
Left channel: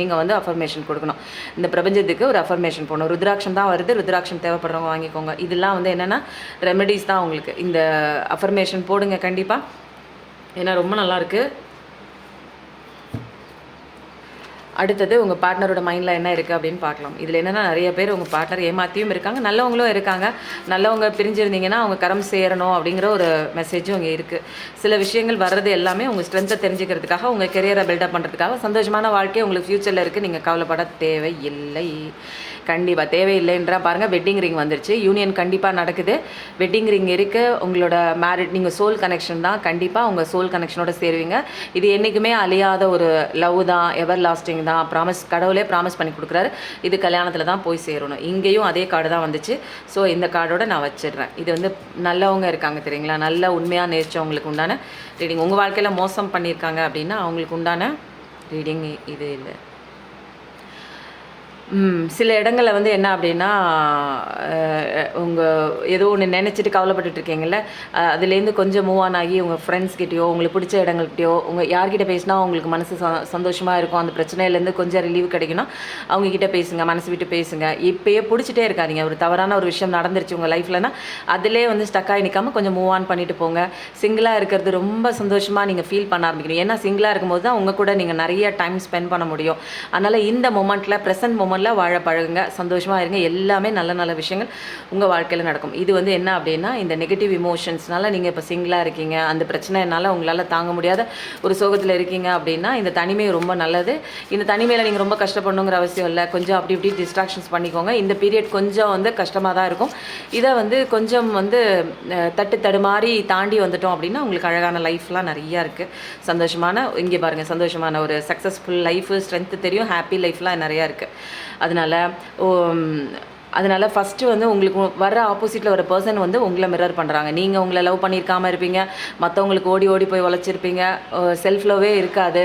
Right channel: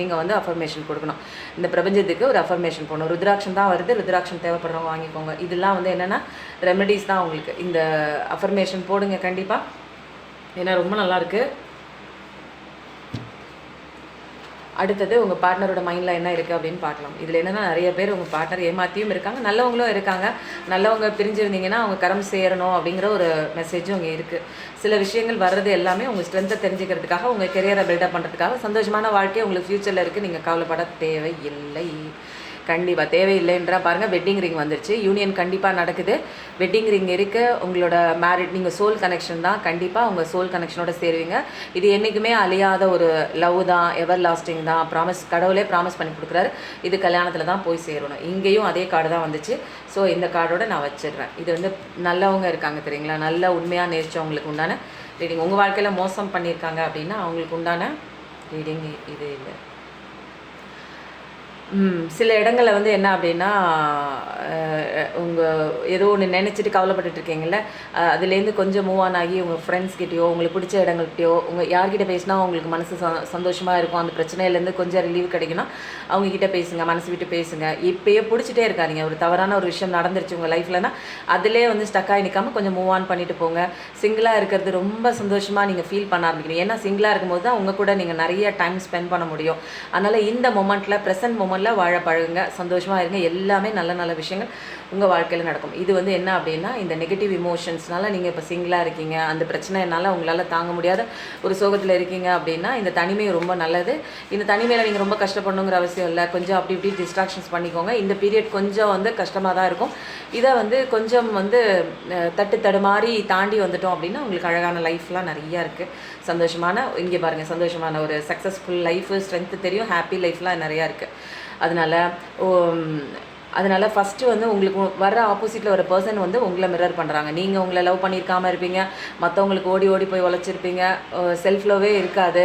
நீங்கள் வந்து அஃபர்மேஷன் கொடுக்கணும். இந்த பிரபஞ்சத்துக்கு ஒரு அஃபர்மேஷன் போடணும். ருத்ராட்சம் தான் வருது, ருத்ராட்சம் தேவைப்படுறவங்க வாங்கிக்கோங்க. இதெல்லாம் வந்து என்னென்னா ரெமெடிஸ் தான் உங்களுக்கு. இந்த அஃபர்மேஷன் போடுங்க கண்டிப்பாக, ஏன்னா ரொம்ப நல்லாயிருக்கு. அடுத்தது, உங்கள் பார்ட்னரோட மைண்டில் என்ன இருக்குது அப்படின்னு பார்க்கலாம். இதில் என்னென்னா நிறைய பேர் உங்கள் பார்ட்னர் ஏமாற்றியும் இருக்காங்க, நல்லவங்களும் இருக்காங்க. நல்லவங்க பிரிஞ்சிருந்தீங்கன்னா அவங்க கரம் சேரணும் அப்படிங்கிற ஒரு மெசேஜும் அங்கே இருக்குது. சில விஷயங்கள் வர்றது எல்லாமே உங்கள் ஸ்ட்ரென்த்தை தெரிஞ்சுக்கிறதுக்காக, உங்கள் கெரியரை பில்டப் பண்ணுறதுக்காக. சந்தோஷமான வாழ்க்கை உங்களுக்கு ஃப்யூச்சரில் இருக்குது, நீங்கள் கவலைப்பட தேவையில்லை. கண்டிப்பாக தேவையில்லைன்றா பாருங்கள், வெட்டிங் ரிங் வந்துருச்சு. யூனியன் கண்டிப்பாக நடக்குது. வெட்டிங் ரிங் இருக்குது. உங்களோட மேரிட் நீங்கள் சோல் கனெக்ஷன் தான். கண்டிப்பாக உங்கள் சோல் கனெக்ஷனோட சேருவீங்க. இது என்றைக்குமே அழியாத ஒரு லவ் தான், எவர் லாஸ்டிங் தான். ப்ராமிஸ், கடவுளே ப்ராமிஸ் பண்ணி கொடுக்குறாரு. இது கல்யாணத்தில் தான் போய் சேரணும். இங்கேயும் அதே கார்டு தான் வந்துச்சு. ஸோ இந்த கார்டோட நான் வச்சிடுறேன். இது வந்து நல்லவங்க இருக்காங்க தெரியுங்களா, நல்ல உண்மையாக நேர்ச்சவங்களுக்கு உண்டான ரீடிங். உங்கள் வாழ்க்கையில் மோசம் பண்ணியிருக்காங்க அப்படின்னா அவங்களுக்கு உண்டான ரீடிங் இது இல்லை. சில இடங்களில் வந்து என்ன அப்படின்னா, உங்கள் ஏதோ ஒன்று நினச்சிட்டு கவலைப்பட்டுட்டு இருக்கீங்கல்ல, அதுலேருந்து கொஞ்சம் மூவ் ஆன் ஆகி உங்கள் ஃப்ரெண்ட்ஸ்கிட்டயோ, உங்களுக்கு பிடிச்ச இடங்கள்கிட்டயோ, உங்கள் யார்கிட்ட பேசினா உங்களுக்கு மனசு சந்தோஷமாக இருக்கும், அந்த பிரச்சனையிலேருந்து கொஞ்சம் ரிலீவ் கிடைக்கணும், அவங்கக்கிட்ட பேசுங்க, மனசு விட்டு பேசுங்க. இப்போயே பிடிச்சிட்டே இருக்காதீங்க. ஒரு தவறான ஒரு விஷயம் நடந்துருச்சு உங்கள் லைஃப்லனா, அதிலே வந்து ஸ்டக்காகி நிற்காமல் கொஞ்சம் மூவ் ஆன் பண்ணிட்டு போங்க. சிங்கிளாக இருக்கிறது ரொம்ப சந்தோஷமாக நீங்கள் ஃபீல் பண்ண ஆரம்பிக்கணும். ஏன்னா சிங்கிளாக இருக்கும்போது தான் உங்கள் கூட நீங்கள் நிறைய டைம் ஸ்பெண்ட் பண்ண முடியும். அதனால் இந்த மொமெண்ட்டில், ப்ரெசன்ட் மொமெண்ட்டில் வாழ பழகுங்க, சந்தோஷமாக இருங்க. எல்லாமே நல்ல நல்ல விஷயங்கள் உங்கள் வாழ்க்கையில் நடக்கும். இது வந்து என்ன அப்படின்னா, இந்த நெகட்டிவ் இமோஷன்ஸ்னால நீங்கள் இப்போ சிங்கிளாக இருக்கீங்க, அந்த பிரச்சனைனால உங்களால் தாங்க முடியாத ஒரு சோகத்தில் இருக்கீங்க அப்படின்னா, இந்த தனிமை ரொம்ப நல்லது. இந்த தனிமையில் நீங்கள் ரொம்ப கஷ்டப்படணுங்கிற அவசியம் இல்லை. கொஞ்சம் அப்படி இப்படி டிஸ்ட்ராக்ஷன்ஸ் பண்ணிக்கோங்க. இந்த பீரியட் கொஞ்சம் வந்து கஷ்டமாக தான் இருக்கும். இதை வந்து கொஞ்சம் வந்து தடுமாறி தாண்டி வந்துட்டோம் அப்படின்னா உங்களுக்கு அழகான லைஃப்லாம் நிறையா இருக்குது. சந்தோஷமான, இங்கே பாருங்கள், சந்தோஷமான ஒரு சக்ஸஸ்ஃபுல் லைஃபு, ஸ்ட்ரென்த்து தெரியும், ஹாப்பி லைஃப்லாம் நிறையா இருக்குது. அதனால் ஃபஸ்ட்டு வந்து உங்களுக்கு வர ஆப்போசிட்டில் ஒரு பர்சன் வந்து உங்களை மிரர் பண்ணுறாங்க. நீங்கள் உங்களை லவ் பண்ணியிருக்காமல் இருப்பீங்க, மற்றவங்களுக்கு ஓடி ஓடி போய் உழைச்சிருப்பீங்க, செல்ஃப் லவ்வே இருக்காது,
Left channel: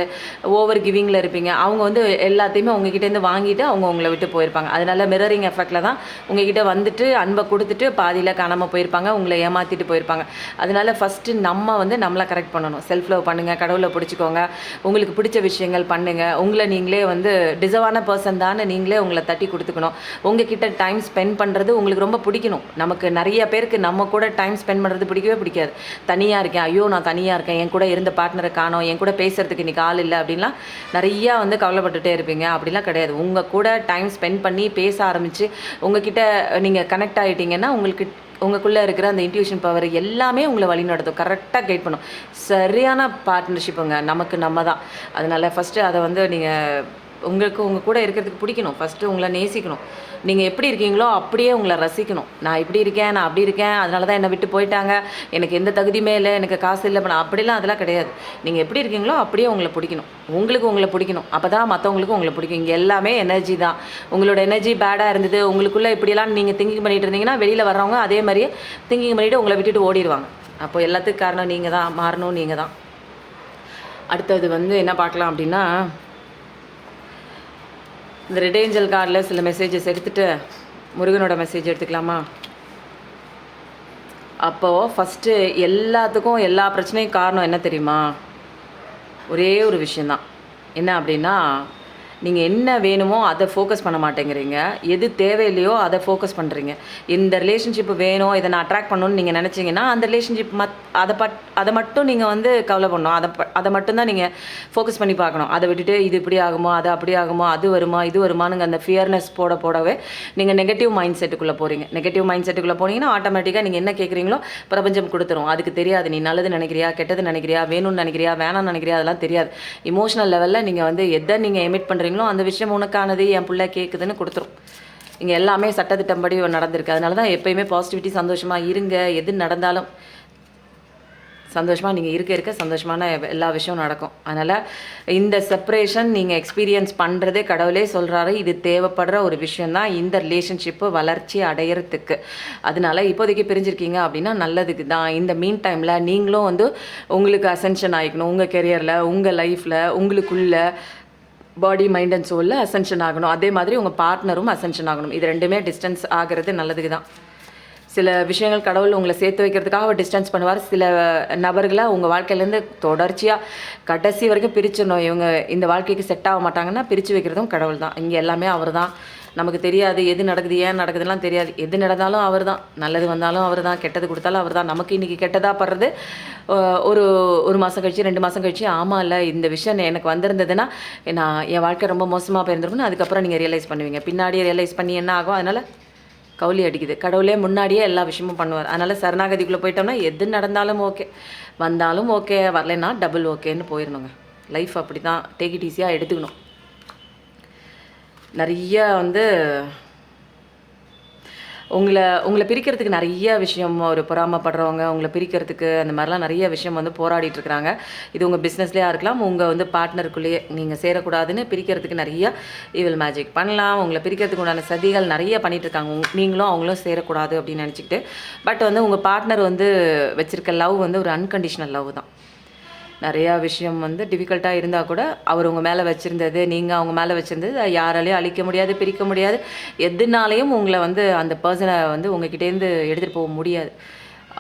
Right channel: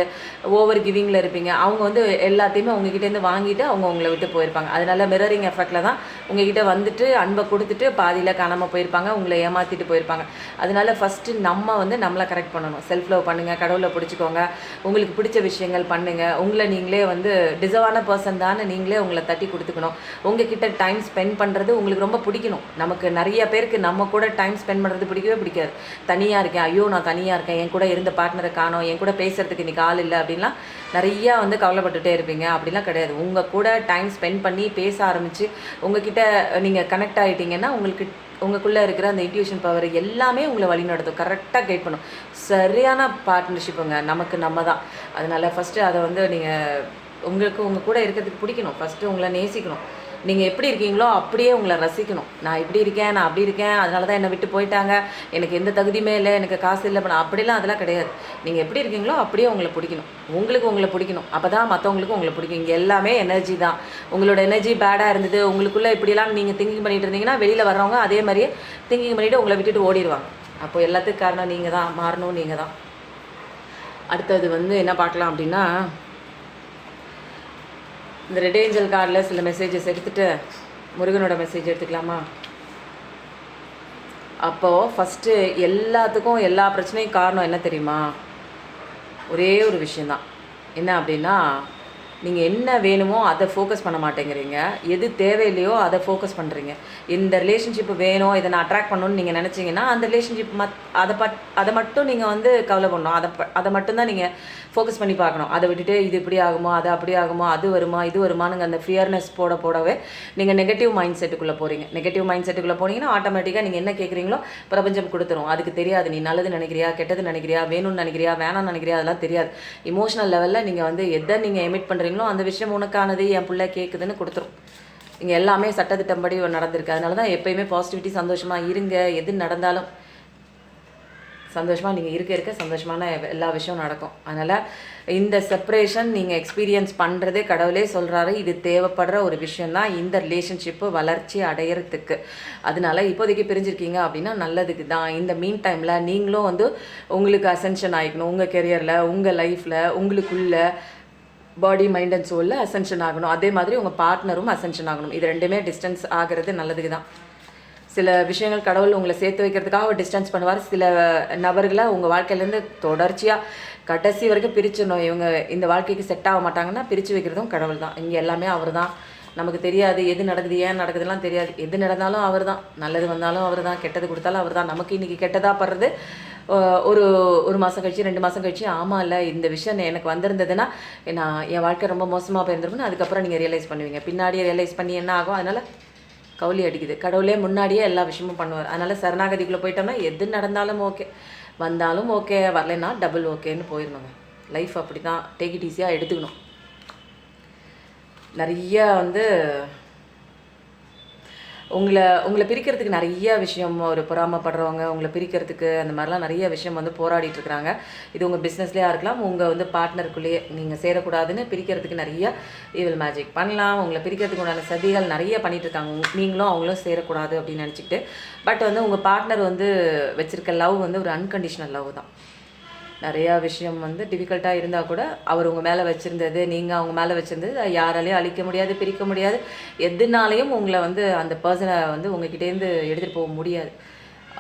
ஓவர் கிவிங்கில் இருப்பீங்க. அவங்க வந்து எல்லாத்தையுமே உங்ககிட்டேருந்து வாங்கிட்டு அவங்க உங்களை விட்டு போயிருப்பாங்க. அதனால் மிரரிங் எஃபெக்டில் தான் உங்ககிட்ட வந்துட்டு அன்பை கொடுத்துட்டு பாதியில் காணாமல் போயிருப்பாங்க, உங்களை ஏமாற்றிட்டு போயிருப்பாங்க. அதனால் ஃபஸ்ட்டு நம்ம வந்து நம்மளை கரெக்ட் பண்ணணும். செல்ஃப் லவ் பண்ணுங்கள், கடவுளை பிடிச்சிக்கோங்க, உங்களுக்கு பிடிச்ச விஷயங்கள் பண்ணுங்கள். உங்களை நீங்களே வந்து டிசர்வான பர்சன் தானே நீங்களே உங்களை தட்டி கொடுத்துக்கணும். உங்ககிட்ட டைம் ஸ்பெண்ட் பண்ணுறது உங்களுக்கு ரொம்ப பிடிக்கணும். நமக்கு நிறைய பேருக்கு நம்ம கூட டைம் ஸ்பெண்ட் பண்ணுறது பிடிக்கவே பிடிக்காது. தனியாக இருக்கேன், ஐயோ நான் தனியாக இருக்கேன், என் கூட இருந்த பார்ட்னரை காணோம், என் கூட பேசுகிறதுக்கு இன்றைக்கி ஆள் இல்லை அப்படின்லாம் நிறையா வந்து கவலைப்பட்டுகிட்டே இருப்பீங்க. அப்படிலாம் கிடையாது. உங்கள் கூட டைம் ஸ்பெண்ட் பண்ணி பேச ஆரம்பித்து உங்ககிட்ட நீங்கள் கனெக்ட் ஆகிட்டீங்கன்னா உங்களுக்குள்ளே இருக்கிற அந்த இன்ட்யூஷன் பவர் எல்லாமே உங்களை வழி நடத்தும், கரெக்டாக கைட் பண்ணும். சரியான பார்ட்னர்ஷிப்புங்க, நமக்கு நம்ம தான். அதனால் ஃபஸ்ட்டு அதை வந்து நீங்கள் உங்களுக்கு உங்கள் கூட இருக்கிறதுக்கு பிடிக்கணும். ஃபஸ்ட்டு உங்களை நேசிக்கணும். நீங்கள் எப்படி இருக்கீங்களோ அப்படியே உங்களை ரசிக்கணும். நான் இப்படி இருக்கேன், நான் அப்படி இருக்கேன், அதனால தான் என்னை விட்டு போயிட்டாங்க, எனக்கு எந்த தகுதியுமே இல்லை, எனக்கு காசு இல்லை, அப்படிலாம் அதெல்லாம் கிடையாது. நீங்கள் எப்படி இருக்கீங்களோ அப்படியே உங்களை பிடிக்கணும். உங்களுக்கு உங்களை பிடிக்கணும். அப்போ தான் மற்றவங்களுக்கும் உங்களை பிடிக்கும். இங்கே எல்லாமே எனர்ஜி தான். உங்களோட எனர்ஜி பேடாக இருந்தது, உங்களுக்குள்ளே இப்படியெல்லாம் நீங்கள் திங்கிங் பண்ணிகிட்டு இருந்தீங்கன்னா வெளியில் வர்றவங்க அதே மாதிரியே திங்கிங் பண்ணிவிட்டு உங்களை விட்டுட்டு ஓடிடுவாங்க. அப்போ எல்லாத்துக்கும் காரணம் நீங்கள் தான், மாறணும் நீங்கள் தான். அடுத்தது வந்து என்ன பார்க்கலாம் அப்படின்னா, இந்த ரெட் ஏஞ்சல் கார்டில் சில மெசேஜஸ் எடுத்துகிட்டு முருகனோட மெசேஜ் எடுத்துக்கலாமா? அப்போது ஃபஸ்ட்டு எல்லாத்துக்கும் எல்லா பிரச்சனையும் காரணம் என்ன தெரியுமா? ஒரே ஒரு விஷயந்தான். என்ன அப்படின்னா, நீங்கள் என்ன வேணுமோ அதை ஃபோக்கஸ் பண்ண மாட்டேங்கிறீங்க, எது தேவையில்லையோ அதை ஃபோக்கஸ் பண்ணுறீங்க. இந்த ரிலேஷன்ஷிப் வேணும், இதை நான் அட்ராக்ட் பண்ணணும்னு நீங்கள் நினச்சிங்கன்னா அந்த ரிலேஷன்ஷிப் அதை மட்டும் நீங்கள் வந்து கவலை பண்ணணும். அதை மட்டும்தான் நீங்கள் ஃபோக்கஸ் பண்ணி பார்க்கணும். அதை விட்டுட்டு இது இப்படி ஆகுமா, அது அப்படி ஆகுமா, அது வருமா, இது வருமானுங்க அந்த ஃபியர்னஸ் போடவே நீங்கள் நெகட்டிவ் மைண்ட் செட்டுக்குள்ளே போகிறீங்க. நெகட்டிவ் மைண்ட் செட்டுக்குள்ளே போனீங்கன்னா ஆட்டோமேட்டிக்காக நீங்கள் என்ன கேட்குறீங்களோ பிரபஞ்சம் கொடுத்துரும். அதுக்கு தெரியாது நீ நல்லது நினைக்கிறியா, கெட்டது நினைக்கிறியா, வேணும்னு நினைக்கிறியா, வேணாம்னு நினைக்கிறியா, அதெல்லாம் தெரியாது. இமோஷனல் லெவலில் நீங்கள் வந்து எதை நீங்கள் எமிட் பண்ணுறீங்க அந்த விஷயம் உனக்கானது, என் பிள்ளை கேட்குதுன்னு கொடுத்துரும். இங்கே எல்லாமே சட்டத்திட்டம்படி நடந்திருக்கு. அதனால தான் எப்பயுமே பாசிட்டிவிட்டி, சந்தோஷமாக இருங்க. எது நடந்தாலும் சந்தோஷமாக நீங்கள் இருக்க சந்தோஷமான எல்லா விஷயம் நடக்கும். அதனால் இந்த செப்பரேஷன் நீங்கள் எக்ஸ்பீரியன்ஸ் பண்ணுறதே கடவுளே சொல்கிறாரு, இது தேவைப்படுற ஒரு விஷயந்தான் இந்த ரிலேஷன்ஷிப்பு வளர்ச்சி அடையிறதுக்கு. அதனால இப்போதைக்கு பிரிஞ்சிருக்கீங்க அப்படின்னா நல்லதுக்கு தான். இந்த மீன் டைமில் நீங்களும் வந்து உங்களுக்கு அசென்ஷன் ஆகிக்கணும். உங்கள் கெரியரில், உங்கள் லைஃப்பில், உங்களுக்குள்ள பாடி, மைண்ட் அண்ட் சோலில் அசென்ஷன் ஆகணும். அதே மாதிரி உங்கள் பார்ட்னரும் அசென்ஷன் ஆகணும். இது ரெண்டுமே டிஸ்டன்ஸ் ஆகிறது நல்லதுக்கு தான். சில விஷயங்கள் கடவுள் உங்களை சேர்த்து வைக்கிறதுக்காக டிஸ்டன்ஸ் பண்ணுவார். சில நபர்களை உங்கள் வாழ்க்கையிலேருந்து தொடர்ச்சியாக கடைசி வரைக்கும் பிரிச்சிடணும். இவங்க இந்த வாழ்க்கைக்கு செட் ஆக மாட்டாங்கன்னா பிரித்து வைக்கிறதும் கடவுள் தான். இங்கே எல்லாமே அவர் தான். நமக்கு தெரியாது எது நடக்குது, ஏன் நடக்குதுலாம் தெரியாது. எது நடந்தாலும் அவர் தான். நல்லது வந்தாலும் அவர் தான், கெட்டது கொடுத்தாலும் அவர் தான். நமக்கு இன்றைக்கி கெட்டதாக படுறது ஒரு மாதம் கழிச்சு, 2 மாதம் கழிச்சு, ஆமாம் இல்லை இந்த விஷயம் எனக்கு வந்திருந்ததுன்னா நான் என் வாழ்க்கை ரொம்ப மோசமாக போயிருந்துருக்குன்னு அதுக்கப்புறம் நீங்கள் ரியலைஸ் பண்ணுவீங்க. பின்னாடியே ரியலைஸ் பண்ணி என்ன ஆகும்? அதனால் கவுளி அடிக்குது. கடவுளே முன்னாடியே எல்லா விஷயமும் பண்ணுவார். அதனால் சரணாகதிக்குள்ளே போயிட்டோம்னா எது நடந்தாலும் ஓகே, வந்தாலும் ஓகே, வரலைன்னா டபுள் ஓகேன்னு போயிடணுங்க. லைஃப் அப்படி தான். டேக் இட் ஈஸியாக எடுத்துக்கணும். நிறைய வந்து உங்களை பிரிக்கிறதுக்கு நிறைய விஷயம் ஒரு பொறாமைப்படுறவங்க உங்களை பிரிக்கிறதுக்கு அந்த மாதிரிலாம் நிறைய விஷயம் வந்து போராடிட்டு இருக்கிறாங்க. இது உங்கள் பிஸ்னஸ்லேயே இருக்கலாம், உங்கள் வந்து பார்ட்னருக்குள்ளேயே நீங்கள் சேரக்கூடாதுன்னு பிரிக்கிறதுக்கு நிறைய ஈவில் மேஜிக் பண்ணலாம். உங்களை பிரிக்கிறதுக்கு உண்டான சதிகள் நிறைய பண்ணிட்டு இருக்காங்க. நீங்களும் அவங்களும் சேரக்கூடாது அப்படின்னு நினச்சிக்கிட்டு. பட் வந்து உங்கள் பார்ட்னர் வந்து வச்சுருக்க லவ் வந்து ஒரு அன்கண்டிஷனல் லவ் தான். நிறையா விஷயம் வந்து டிஃபிகல்ட்டாக இருந்தால் கூட அவர் உங்கள் மேலே வச்சுருந்தது, நீங்கள் அவங்க மேலே வச்சுருந்தது யாராலையும் அழிக்க முடியாது, பிரிக்க முடியாது. எதுனாலையும் உங்களை வந்து அந்த பர்சனை வந்து உங்ககிட்டேருந்து எடுத்துகிட்டு போக முடியாது.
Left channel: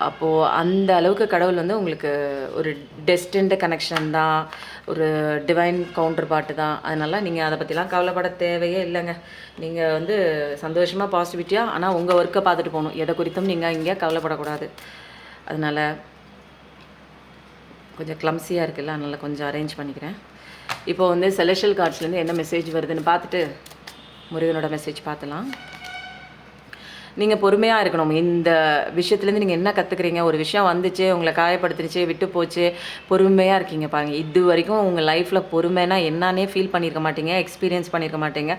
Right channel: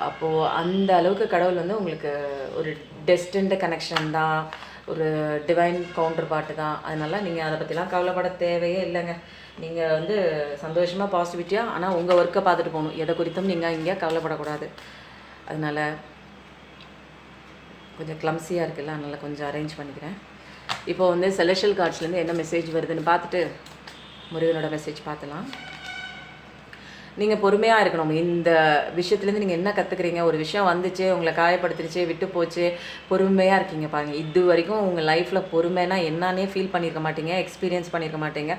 அப்போது அந்த அளவுக்கு கடவுள் வந்து உங்களுக்கு ஒரு டெஸ்டின்டு கனெக்ஷன் தான், ஒரு டிவைன் கவுண்டர் பார்ட்டு தான். அதனால் நீங்கள் அதை பற்றிலாம் கவலைப்பட தேவையே இல்லைங்க. நீங்கள் வந்து சந்தோஷமாக பாசிட்டிவிட்டியாக ஆனால் உங்கள் ஒர்க்கை பார்த்துட்டு போகணும். எதை குறித்தும் நீங்கள் இங்கே கவலைப்படக்கூடாது. அதனால் கொஞ்சம் கிளம்ஸியாக இருக்குல்ல, அதனால் கொஞ்சம் அரேஞ்ச் பண்ணிக்கிறேன். இப்போ வந்து செலெக்ஷுவல் கார்ட்ஸ்லேருந்து என்ன மெசேஜ் வருதுன்னு பார்த்துட்டு முருகனோட மெசேஜ் பார்த்துலாம். நீங்கள் பொறுமையாக இருக்கணும். இந்த விஷயத்துலேருந்து நீங்கள் என்ன கற்றுக்குறீங்க? ஒரு விஷயம் வந்துச்சு, உங்களை காயப்படுத்துச்சு, விட்டு போச்சு, பொறுமையாக இருக்கீங்க பாருங்கள். இது வரைக்கும் உங்கள் லைஃப்பில் பொறுமைனா என்னன்னே ஃபீல் பண்ணியிருக்க மாட்டீங்க, எக்ஸ்பீரியன்ஸ் பண்ணியிருக்க மாட்டீங்க.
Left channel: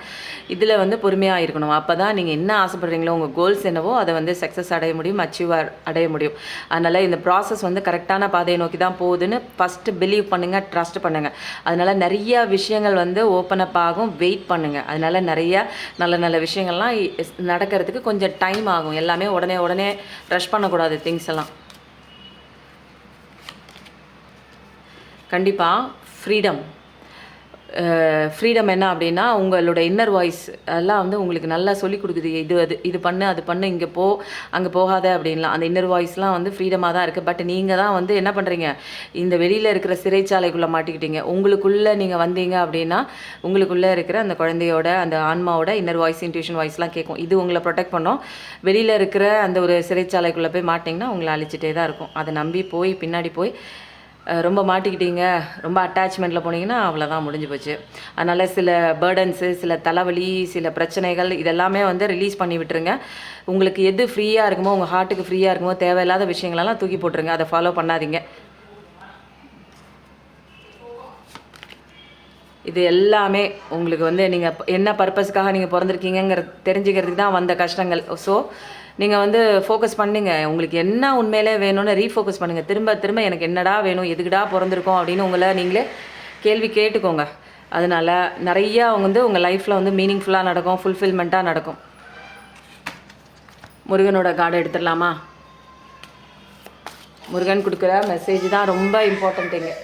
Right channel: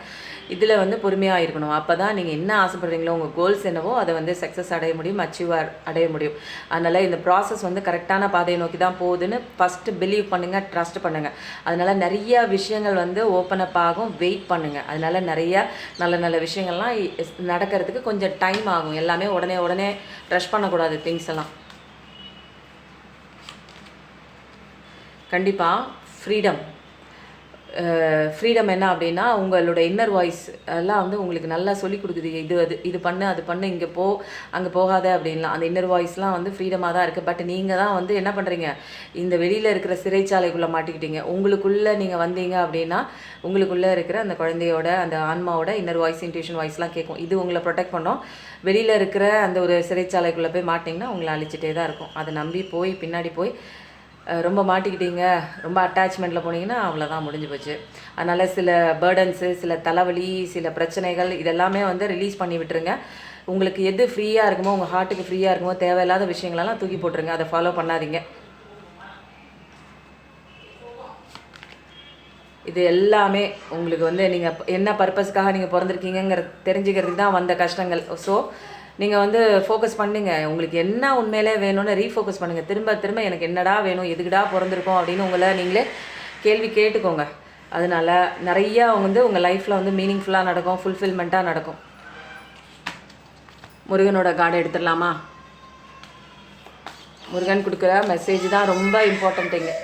இதில் வந்து பொறுமையாக இருக்கணும். அப்போ தான் நீங்கள் என்ன ஆசைப்படுறீங்களோ, உங்கள் கோல்ஸ் என்னவோ அதை வந்து சக்ஸஸ் அடைய முடியும், அச்சீவ் அடைய முடியும். அதனால் இந்த ப்ராசஸ் வந்து கரெக்டான பாதையை நோக்கி தான் போகுதுன்னு ஃபஸ்ட்டு பிலீவ் பண்ணுங்கள், ட்ரஸ்ட் பண்ணுங்கள். அதனால் நிறைய விஷயங்கள் வந்து ஓப்பன் அப் ஆகும், வெயிட் பண்ணுங்கள். அதனால் நிறைய நல்ல நல்ல விஷயங்கள்லாம் நடக்கிறதுக்கு கொஞ்சம் டைம் ஆகும். எல்லாமே உடனே ரஷ் பண்ணக்கூடாது திங்ஸ் எல்லாம். கண்டிப்பாக ஃப்ரீடம் என்ன அப்படின்னா, உங்களோட இன்னர் வாய்ஸ் எல்லாம் வந்து உங்களுக்கு நல்லா சொல்லிக் கொடுக்குது. இது பண்ணு, அது பண்ணு, இங்கே போ, அங்கே போகாத அப்படின்லாம். அந்த இன்னர் வாய்ஸ்லாம் வந்து ஃப்ரீடமாக தான் இருக்குது. பட் நீங்கள் தான் வந்து என்ன பண்ணுறீங்க, இந்த வெளியில் இருக்கிற சிறைச்சாலைக்குள்ளே மாட்டிக்கிட்டீங்க. உங்களுக்குள்ளே நீங்கள் வந்தீங்க அப்படின்னா உங்களுக்குள்ளே இருக்கிற அந்த குழந்தையோட அந்த ஆன்மாவோட இன்னர் வாய்ஸ், இன்ட்யூஷன் வாய்ஸ்லாம் கேட்கும். இது உங்களை ப்ரொடெக்ட் பண்ணோம். வெளியில் இருக்கிற அந்த ஒரு சிறைச்சாலைக்குள்ளே போய் மாட்டிங்கன்னா உங்களை அழிச்சிட்டே தான் இருக்கும். அதை நம்பி பின்னாடி போய் ரொம்ப மாட்டிக்கிட்டீங்க, ரொம்ப அட்டாச்மெண்ட்டில் போனீங்கன்னா அவ்வளோதான், முடிஞ்சு போச்சு. அதனால் சில பேர்டன்ஸு, சில தலைவலி, சில பிரச்சனைகள் இதெல்லாமே வந்து ரிலீஸ் பண்ணி விட்டுருங்க. உங்களுக்கு எது ஃப்ரீயாக இருக்குமோ, உங்கள் ஹார்ட்டுக்கு ஃப்ரீயாக இருக்குமோ, தேவையில்லாத விஷயங்களெல்லாம் தூக்கி போட்டுருங்க. அதை ஃபாலோ பண்ணாதீங்க. இது எல்லாமே உங்களுக்கு வந்து நீங்கள் என்ன பர்பஸ்க்காக நீங்கள் பிறந்திருக்கீங்கிற தெரிஞ்சுக்கிறதுக்கு தான் வந்த கஷ்டங்கள். ஸோ நீங்கள் வந்து ஃபோக்கஸ் பண்ணுங்க. உங்களுக்கு என்ன உண்மையிலே வேணும்னு ரீஃபோக்கஸ் பண்ணுங்கள். திரும்ப எனக்கு என்னடா வேணும், எதுக்குடா பிறந்திருக்கோம் அப்படின்னு உங்களை நீங்களே கேள்வி கேட்டுக்கோங்க. அதனால் நிறையா வந்து உங்கள் லைஃப்பில் வந்து மீனிங்ஃபுல்லாக நடக்கும், ஃபுல்ஃபில்மெண்ட்டாக நடக்கும். முருகனோட கார்டை எடுத்துடலாமா? முருகன் கொடுக்குற மெசேஜ் தான் ரொம்ப இம்பார்ட்டண்ட்டுங்க.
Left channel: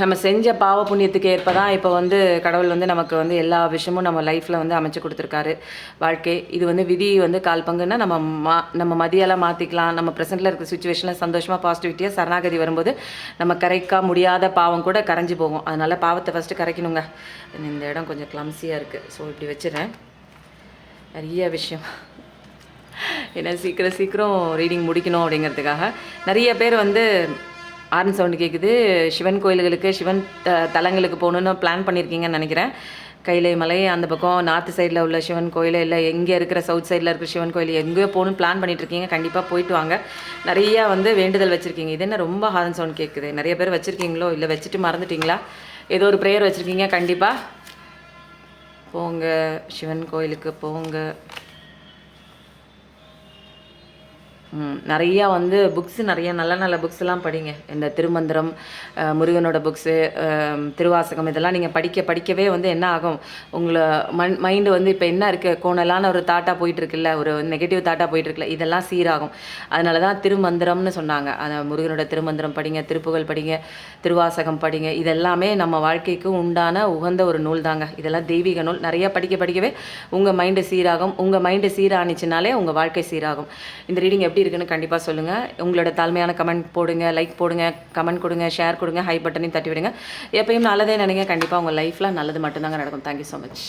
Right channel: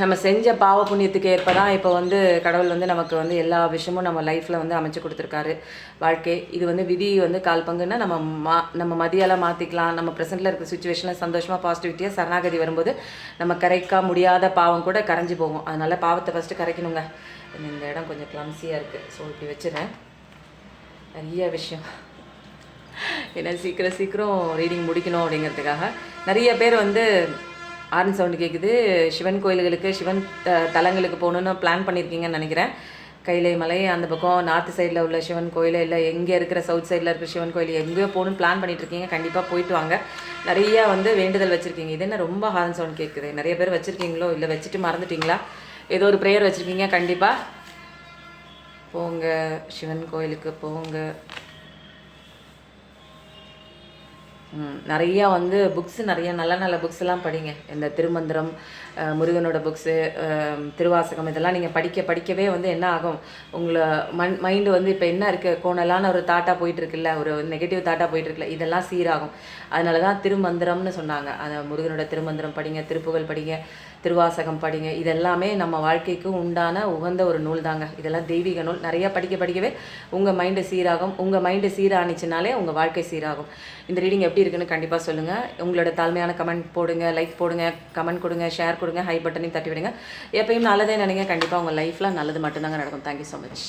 நம்ம செஞ்ச பாவ புண்ணியத்துக்கு ஏற்ப தான் இப்போ வந்து கடவுள் வந்து நமக்கு வந்து எல்லா விஷயமும் நம்ம லைஃப்பில் வந்து அமைச்சு கொடுத்துருக்காரு. வாழ்க்கை இது வந்து விதி வந்து கால் பங்குன்னா நம்ம மதியெல்லாம் மாற்றிக்கலாம். நம்ம ப்ரெசென்ட்டில் இருக்கிற சுச்சுவேஷனில் சந்தோஷமாக பாசிட்டிவிட்டியாக சரணாகதி வரும்போது நம்ம கரைக்க முடியாத பாவம் கூட கரைஞ்சி போகும். அதனால் பாவத்தை ஃபஸ்ட்டு கரைக்கணுங்க. இந்த இடம் கொஞ்சம் கிளம்ஸியாக இருக்குது, ஸோ இப்படி வச்சுறேன். நிறைய விஷயம் ஏன்னா சீக்கிரம் ரீடிங் முடிக்கணும் அப்படிங்கிறதுக்காக நிறைய பேர் வந்து ஆர்ன் சவுண்டு கேட்குது. சிவன் கோயில்களுக்கு, சிவன் தலங்களுக்கு போகணுன்னு பிளான் பண்ணியிருக்கீங்கன்னு நினைக்கிறேன். கைலை மலை அந்த பக்கம் நார்த்து சைடில் உள்ள சிவன் கோயில், இல்லை எங்கே இருக்கிற சவுத் சைடில் இருக்கிற சிவன் கோயில் எங்கேயோ போகணுன்னு பிளான் பண்ணிகிட்ருக்கீங்க. கண்டிப்பாக போயிட்டு வாங்க. நிறையா வந்து வேண்டுதல் வச்சுருக்கீங்க. இது என்ன ரொம்ப ஹார்ன் சவுண்ட் கேட்குது? நிறைய பேர் வச்சுருக்கீங்களோ, இல்லை வச்சுட்டு மறந்துட்டிங்களா? ஏதோ ஒரு ப்ரேயர் வச்சுருக்கீங்க. கண்டிப்பாக போங்க, சிவன் கோயிலுக்கு போங்க. நிறையா வந்து புக்ஸு, நிறைய நல்ல நல்ல புக்ஸ்லாம் படிங்க. இந்த திருமந்திரம், முருகனோட புக்ஸு, திருவாசகம் இதெல்லாம் நீங்கள் படிக்கவே வந்து என்ன ஆகும், உங்களை மைண்டு வந்து இப்போ என்ன இருக்குது, கோணலான ஒரு தாட்டாக போயிட்டுருக்குல்ல, ஒரு நெகட்டிவ் தாட்டாக போயிட்டுருக்குல்ல, இதெல்லாம் சீராகும். அதனால தான் திருமந்திரம்னு சொன்னாங்க. அந்த முருகனோட திருமந்திரம் படிங்க, திருப்புகழ் படிங்க, திருவாசகம் படிங்க. இதெல்லாமே நம்ம வாழ்க்கைக்கு உண்டான உகந்த ஒரு நூல் தாங்க. இதெல்லாம் தெய்வீக நூல். நிறையா படிக்கவே உங்கள் மைண்டு சீராகும். உங்கள் மைண்டு சீரானிச்சுனாலே உங்கள் வாழ்க்கை சீராகும். இந்த ரீடிங் எப்படி இருக்குன்னு கண்டிப்பாக சொல்லுங்கள். உங்களோட தாழ்மையான கமெண்ட் போடுங்க, லைக் போடுங்க, கமெண்ட் கொடுங்க, ஷேர் கொடுங்க, ஹை பட்டனையும் தட்டி விடுங்க. எப்பயும் நல்லதே நினைங்க. கண்டிப்பாக உங்கள் லைஃப்பில் நல்லது மட்டும்தாங்க நடக்கும். Thank you so much.